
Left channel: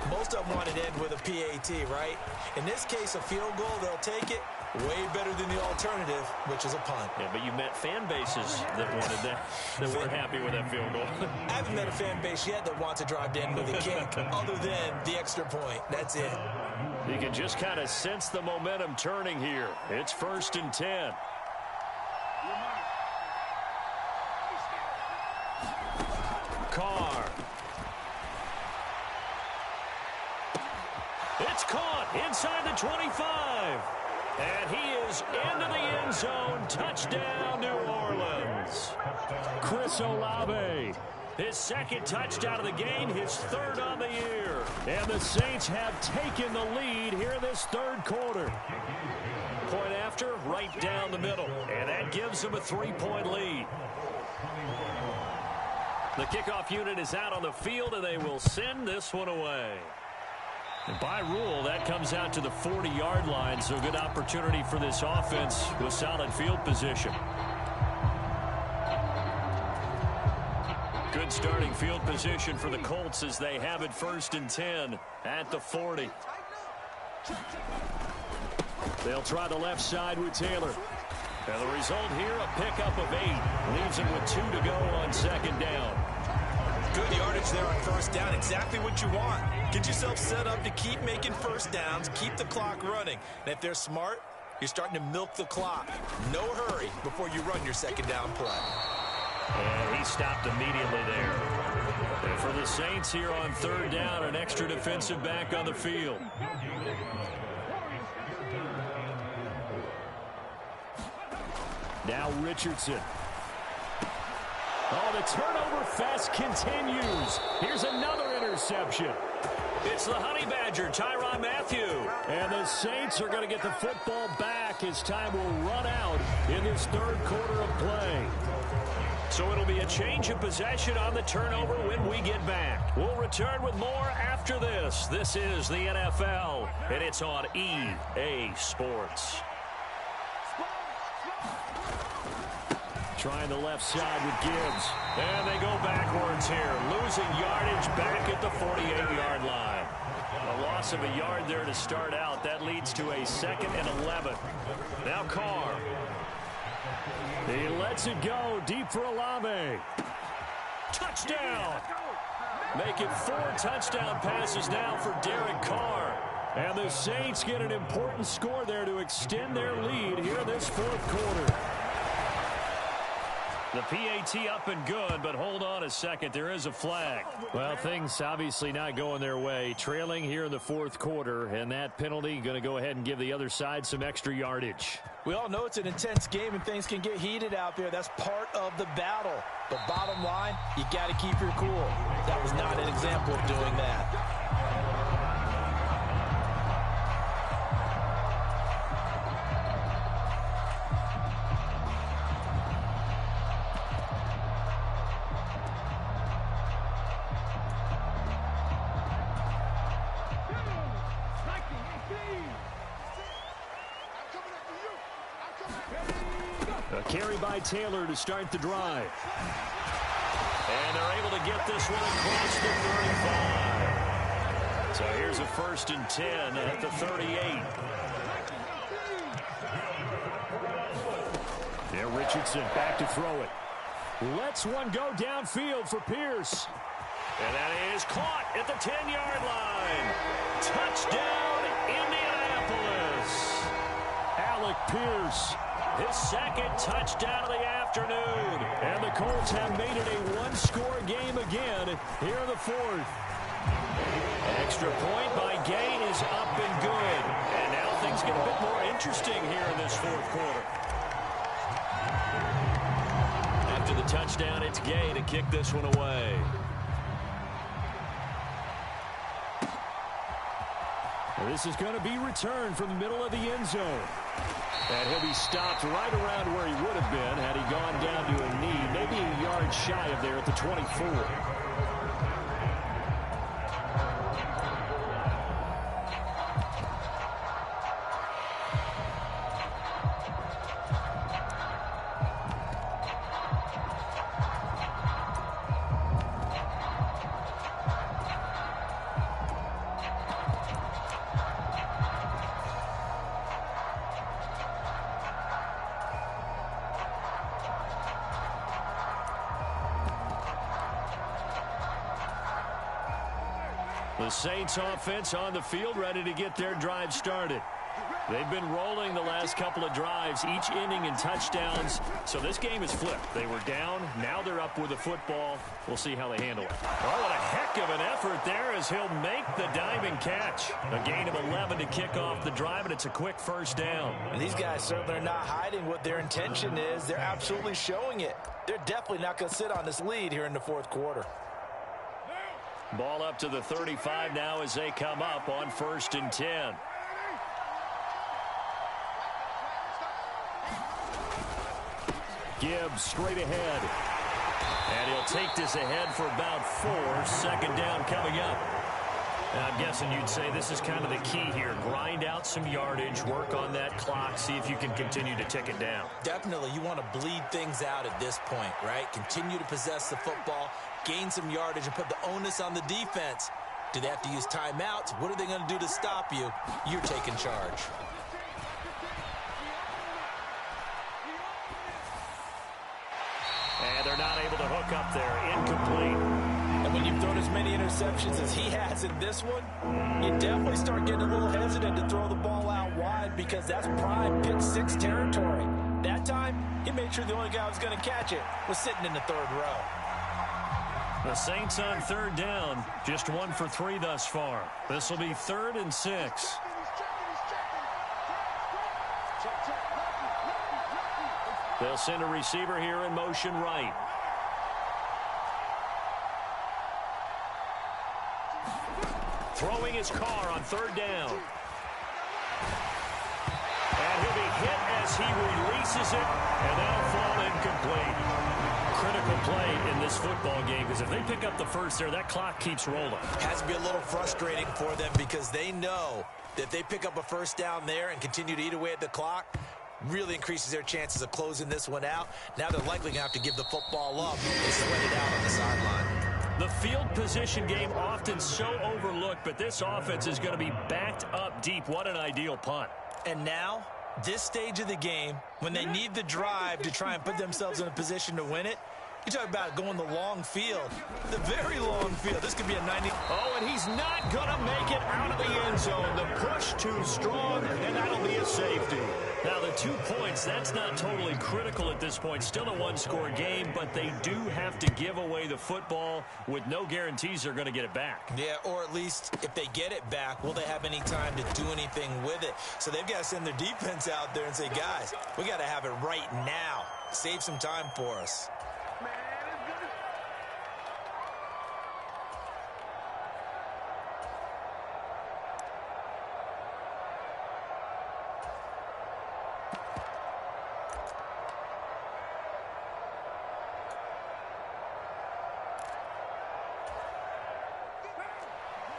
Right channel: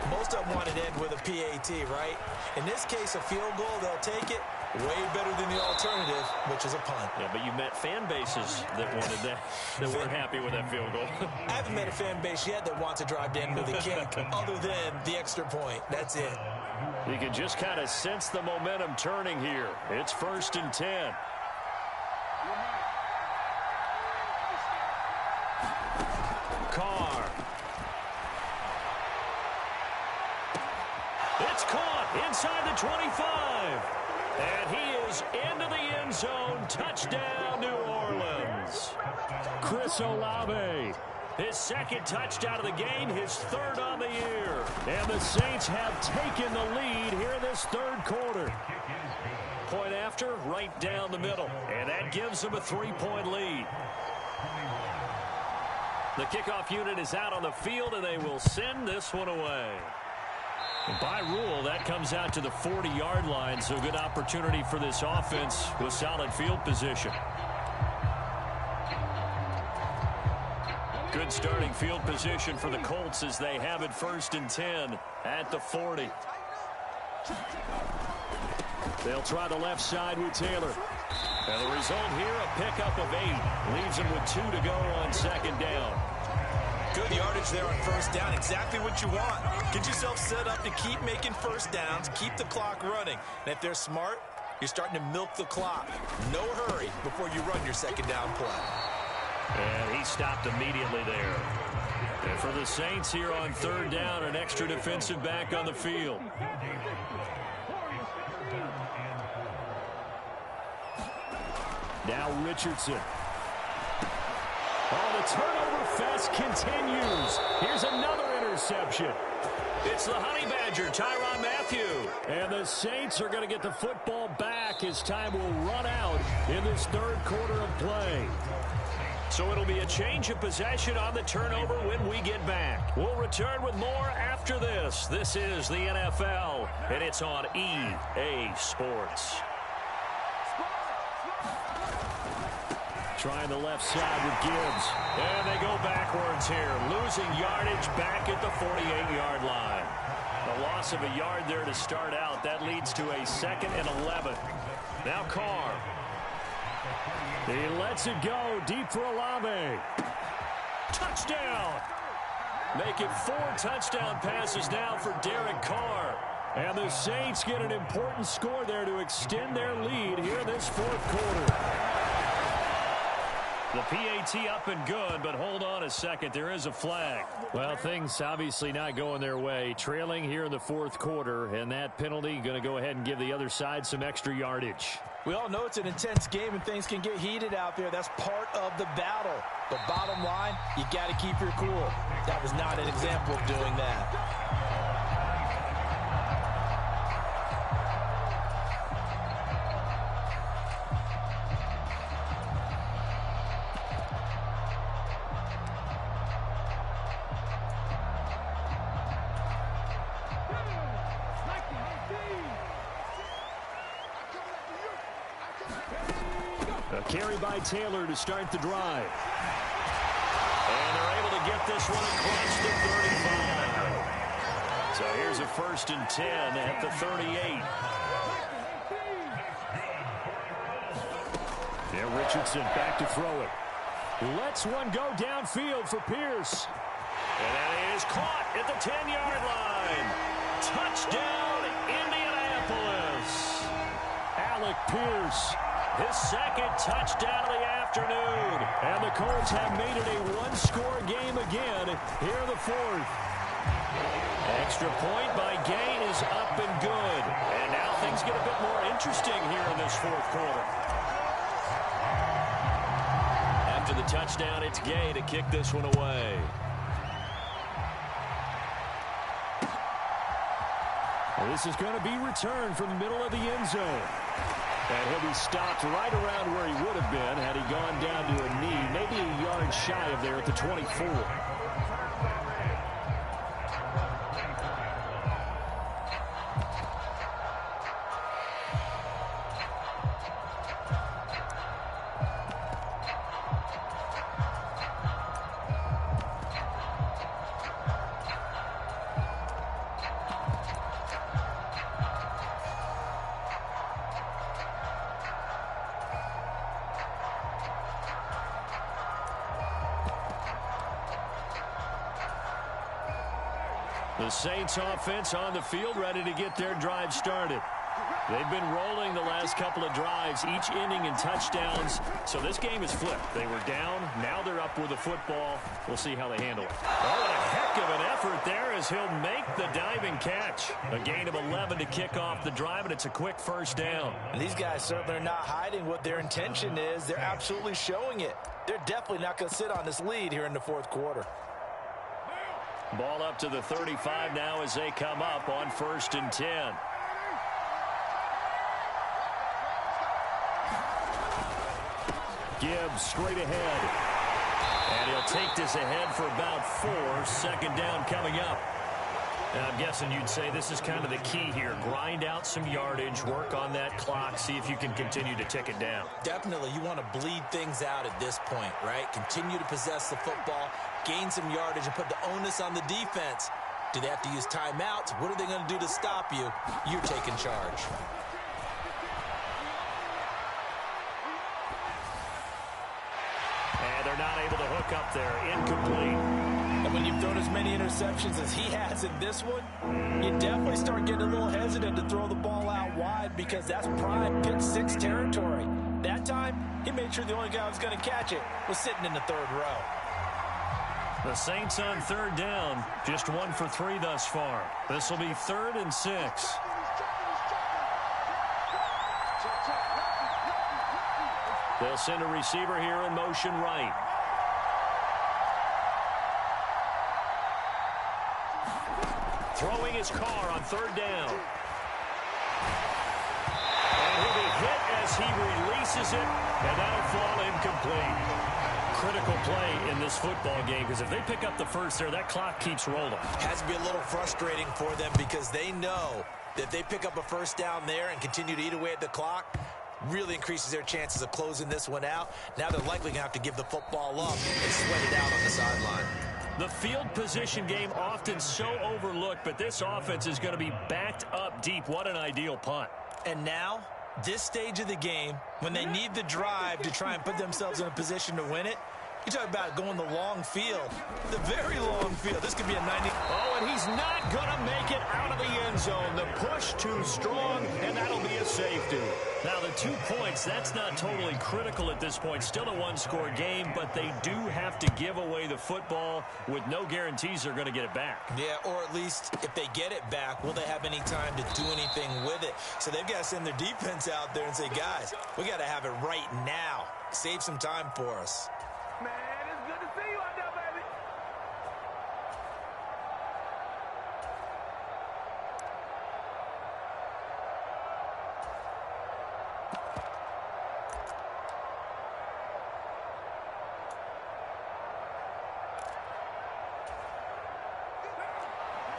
Most of them wanted to end with a PAT, right? In this case, a field goal, they'll take it. Way better than the alternative, which is a punt. Yeah, but you met fan bases that wanted that, that weren't happy with that field goal. I haven't met a fan base yet that wants to drive to end with a kick, other than the extra point. That's it. You can just kind of sense the momentum turning here. It's 1st and 10. Carr. It's caught inside the 25. And he is into the end zone. Touchdown, New Orleans. Chris Olave. His second touchdown of the game, his third on the year. And the Saints have taken the lead here in this third quarter. Point after, right down the middle. And that gives them a 3-point lead. The kickoff unit is out on the field, and they will send this one away. And by rule, that comes out to the 40-yard line, so good opportunity for this offense with solid field position. Good starting field position for the Colts as they have it 1st and 10 at the 40. They'll try the left side with Taylor. And the result here, a pickup of 8. Leaves them with 2 to go on 2nd down. Good yardage there on 1st down. Exactly what you want. Get yourself set up to keep making 1st downs, keep the clock running. And if they're smart, you're starting to milk the clock. No hurry before you run your 2nd down play. And he stopped immediately there. And for the Saints here on 3rd down, an extra defensive back on the field. Now Richardson. Oh, the turnover fest continues. Here's another interception. It's the Honey Badger, Tyrann Mathieu. And the Saints are going to get the football back as time will run out in this third quarter of play. So it'll be a change of possession on the turnover when we get back. We'll return with more after this. This is the NFL, and it's on EA Sports. Trying the left side with Gibbs. And they go backwards here. Losing yardage back at the 48-yard line. A loss of a yard there to start out. That leads to a 2nd and 11. Now Carr. He lets it go deep for Olave. Touchdown. Make it 4 touchdown passes now for Derek Carr. And the Saints get an important score there to extend their lead here in this 4th quarter. The PAT up and good, but hold on a second. There is a flag. Well, things obviously not going their way. Trailing here in the 4th quarter, and that penalty going to go ahead and give the other side some extra yardage. We all know it's an intense game and things can get heated out there. That's part of the battle. But bottom line, you got to keep your cool. That was not an example of doing that. A carry by Taylor to start the drive. And they're able to get this one across the 35. So here's a 1st and 10 at the 38. Yeah, Richardson back to throw it. Lets one go downfield for Pierce. And that is caught at the 10-yard line. Touchdown, Indianapolis. Alec Pierce, his 2nd touchdown of the afternoon. And the Colts have made it a one-score game again here in the 4th. Extra point by Gay is up and good. And now things get a bit more interesting here in this 4th quarter. After the touchdown, it's Gay to kick this one away. And this is going to be returned from the middle of the end zone. And he'll be stopped right around where he would have been had he gone down to a knee, maybe a yard shy of there at the 24. The Saints offense on the field, ready to get their drive started. They've been rolling the last couple of drives, each inning in touchdowns. So this game is flipped. They were down. Now they're up with the football. We'll see how they handle it. Oh, what a heck of an effort there as he'll make the diving catch. A gain of 11 to kick off the drive, and it's a quick 1st down. And these guys certainly are not hiding what their intention is. They're absolutely showing it. They're definitely not going to sit on this lead here in the 4th quarter. Ball up to the 35 now as they come up on 1st and 10. Gibbs straight ahead. And he'll take this ahead for about 4. 2nd down coming up. And I'm guessing you'd say this is kind of the key here. Grind out some yardage, work on that clock, see if you can continue to tick it down. Definitely. You want to bleed things out at this point, right? Continue to possess the football, gain some yardage, and put the onus on the defense. Do they have to use timeouts? What are they going to do to stop you? You're taking charge. And they're not able to hook up there. Incomplete. And when you've thrown as many interceptions as he has in this one, you definitely start getting a little hesitant to throw the ball out wide because that's prime pick 6 territory. That time, he made sure the only guy who was going to catch it was sitting in the 3rd row. The Saints on 3rd down, just 1 for 3 thus far. This will be 3rd and 6. They'll send a receiver here in motion right. Throwing his car on 3rd down. And he'll be hit as he releases it, and that'll fall incomplete. Critical play in this football game because if they pick up the 1st there, that clock keeps rolling. Has to be a little frustrating for them because they know that if they pick up a 1st down there and continue to eat away at the clock, really increases their chances of closing this one out. Now they're likely going to have to give the football up and sweat it out on the sideline. The field position game often so overlooked, but this offense is going to be backed up deep. What an ideal punt. And now, this stage of the game, when they need the drive to try and put themselves in a position to win it, you talk about going the long field, the very long field. This could be a 90. Oh, and he's not going to make it out of the end zone. The push too strong, and that'll be a safety. Now, the 2 points, that's not totally critical at this point. Still a one-score game, but they do have to give away the football with no guarantees they're going to get it back. Yeah, or at least if they get it back, will they have any time to do anything with it? So they've got to send their defense out there and say, guys, we got to have it right now. Save some time for us. Man, it's good to see you out there,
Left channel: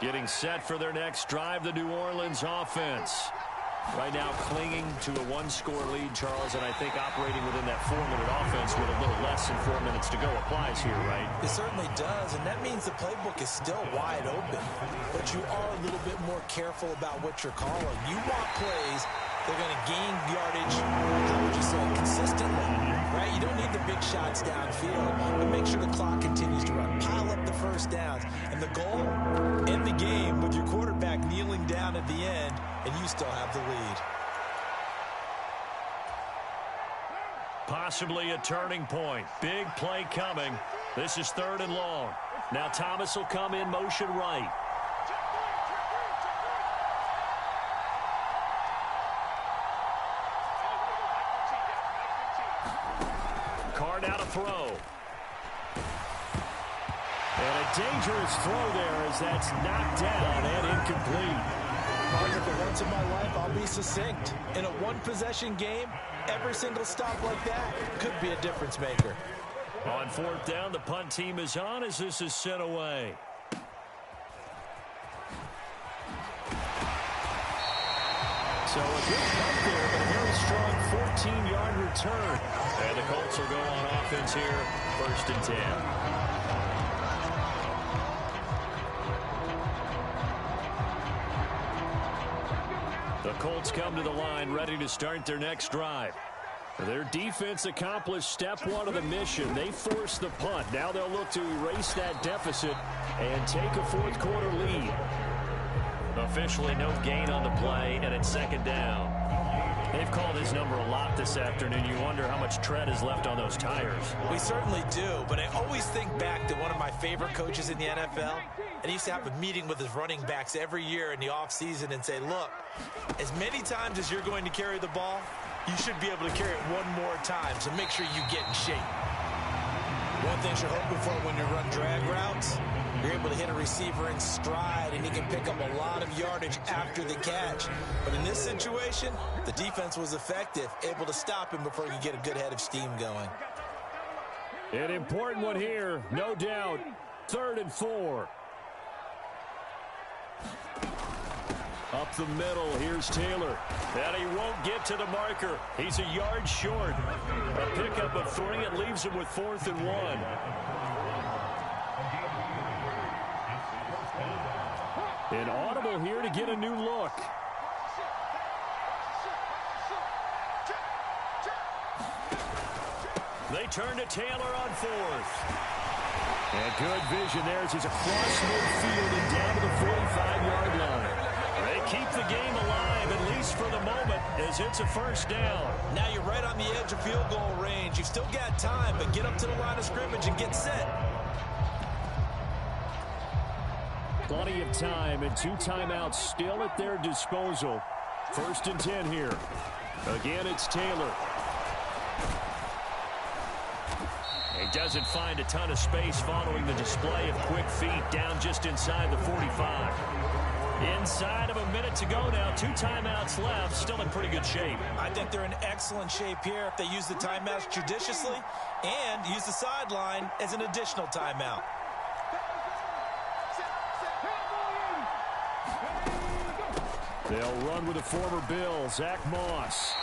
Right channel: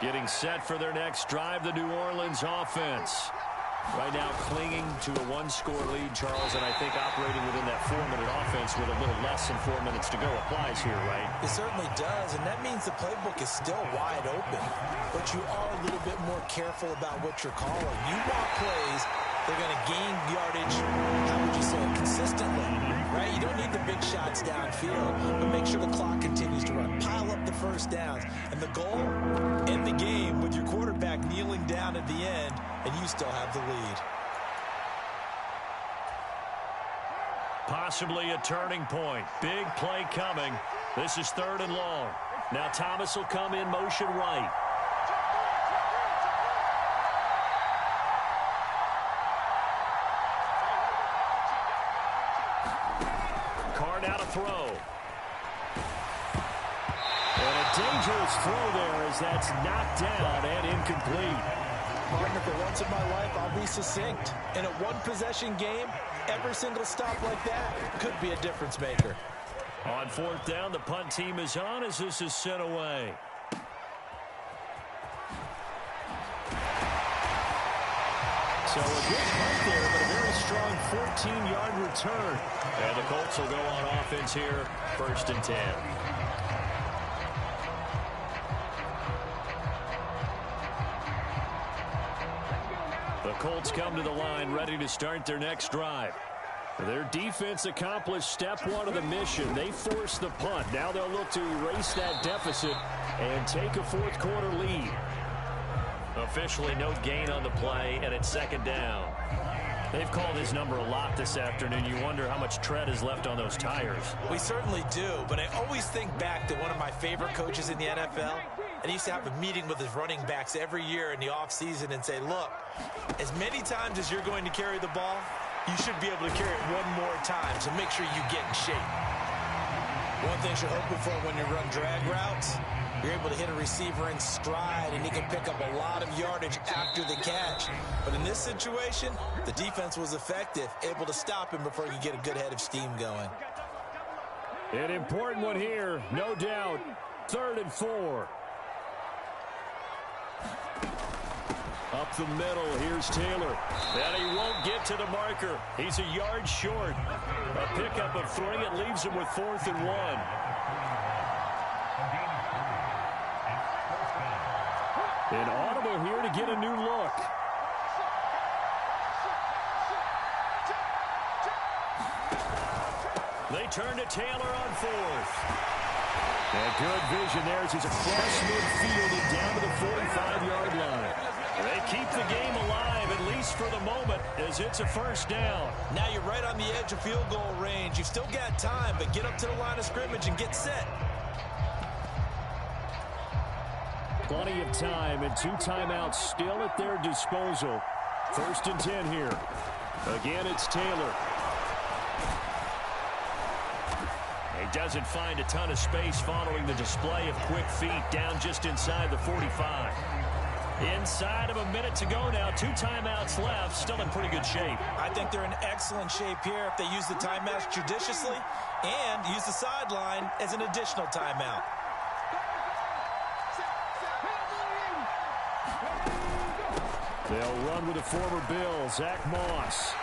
baby. Getting set for their next drive, the New Orleans offense. Right now clinging to a one-score lead, Charles, and I think operating within that 4-minute offense with a little less than 4 minutes to go applies here, right? It certainly does, and that means the playbook is still wide open. But you are a little bit more careful about what you're calling. You want plays they're going to gain yardage, how would you say it, consistently, right? You don't need the big shots downfield, but make sure the clock continues to run. Pile up the first downs. And the goal, end the game with your quarterback kneeling down at the end, and you still have the lead. Possibly a turning point. Big play coming. This is 3rd and long. Now Thomas will come in motion right. Card out a throw. And a dangerous throw there as that's knocked down and incomplete. Partner, for once in my life, I'll be succinct. In a one-possession game, every single stop like that could be a difference maker. On 4th down, the punt team is on as this is sent away. So a good punt there, but a very strong 14-yard return. And the Colts will go on offense here, 1st and 10. The Colts come to the line ready to start their next drive. Their defense accomplished step 1 of the mission. They forced the punt. Now they'll look to erase that deficit and take a 4th quarter lead. Officially no gain on the play, and it's 2nd down. They've called his number a lot this afternoon. You wonder how much tread is left on those tires. We certainly do, but I always think back to one of my favorite coaches in the NFL. And he used to have a meeting with his running backs every year in the offseason and say, look, as many times as you're going to carry the ball, you should be able to carry it one more time, so make sure you get in shape. One thing you're hoping for when you run drag routes, you're able to hit a receiver in stride, and he can pick up a lot of yardage after the catch. But in this situation, the defense was effective, able to stop him before he could get a good head of steam going. An important one here, no doubt. 3rd and 4. Up the middle, here's Taylor. And he won't get to the marker. He's a yard short. A pickup of 3, it leaves him with 4th and 1. An audible here to get a new look. They turn to Taylor on 4th. And good vision there as he's across midfield and down to the 45-yard line. They keep the game alive, at least for the moment, as it's a 1st down. Now you're right on the edge of field goal range. You've still got time, but get up to the line of scrimmage and get set. Plenty of time and 2 timeouts still at their disposal. 1st and 10 here. Again, it's Taylor. He doesn't find a ton of space following the display of quick feet down just inside the 45. Inside of a minute to go now. 2 timeouts left. Still in pretty good shape. I think they're in excellent shape here if they use the timeouts judiciously and use the sideline as an additional timeout. They'll run with the former Bill, Zach Moss.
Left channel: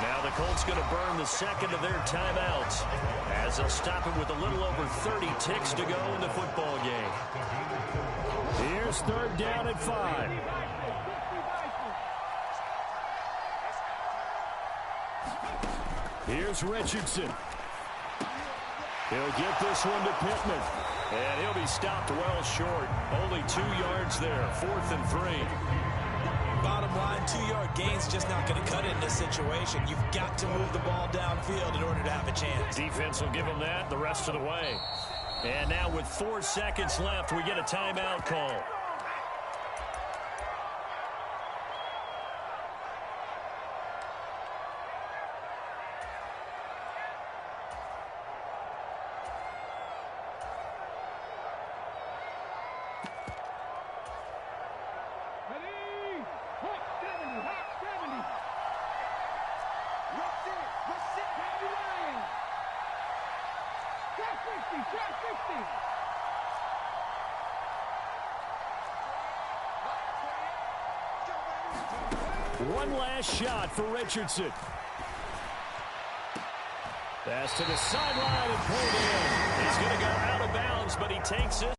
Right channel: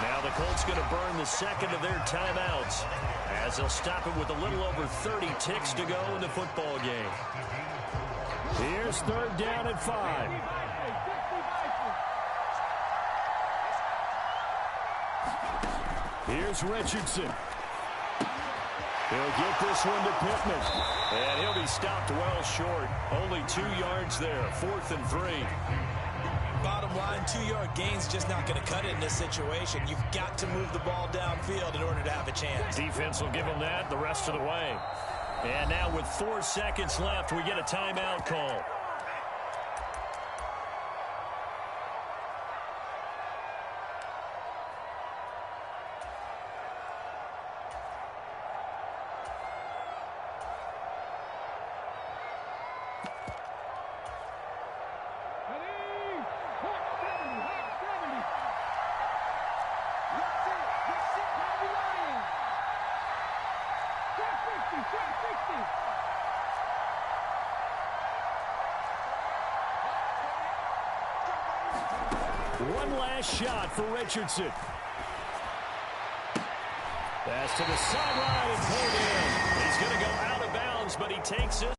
Now the Colts going to burn the 2nd of their timeouts as they'll stop it with a little over 30 ticks to go in the football game. Here's 3rd down at 5. Here's Richardson. He'll get this one to Pittman. And he'll be stopped well short. Only 2 yards there. 4th and 3. Bottom line, 2-yard gain's just not going to cut it in this situation. You've got to move the ball downfield in order to have a chance. Defense will give them that the rest of the way. And now with 4 seconds left, we get a timeout call. One last shot for Richardson. Pass to the sideline and pulled in. He's going to go out of bounds, but he takes it.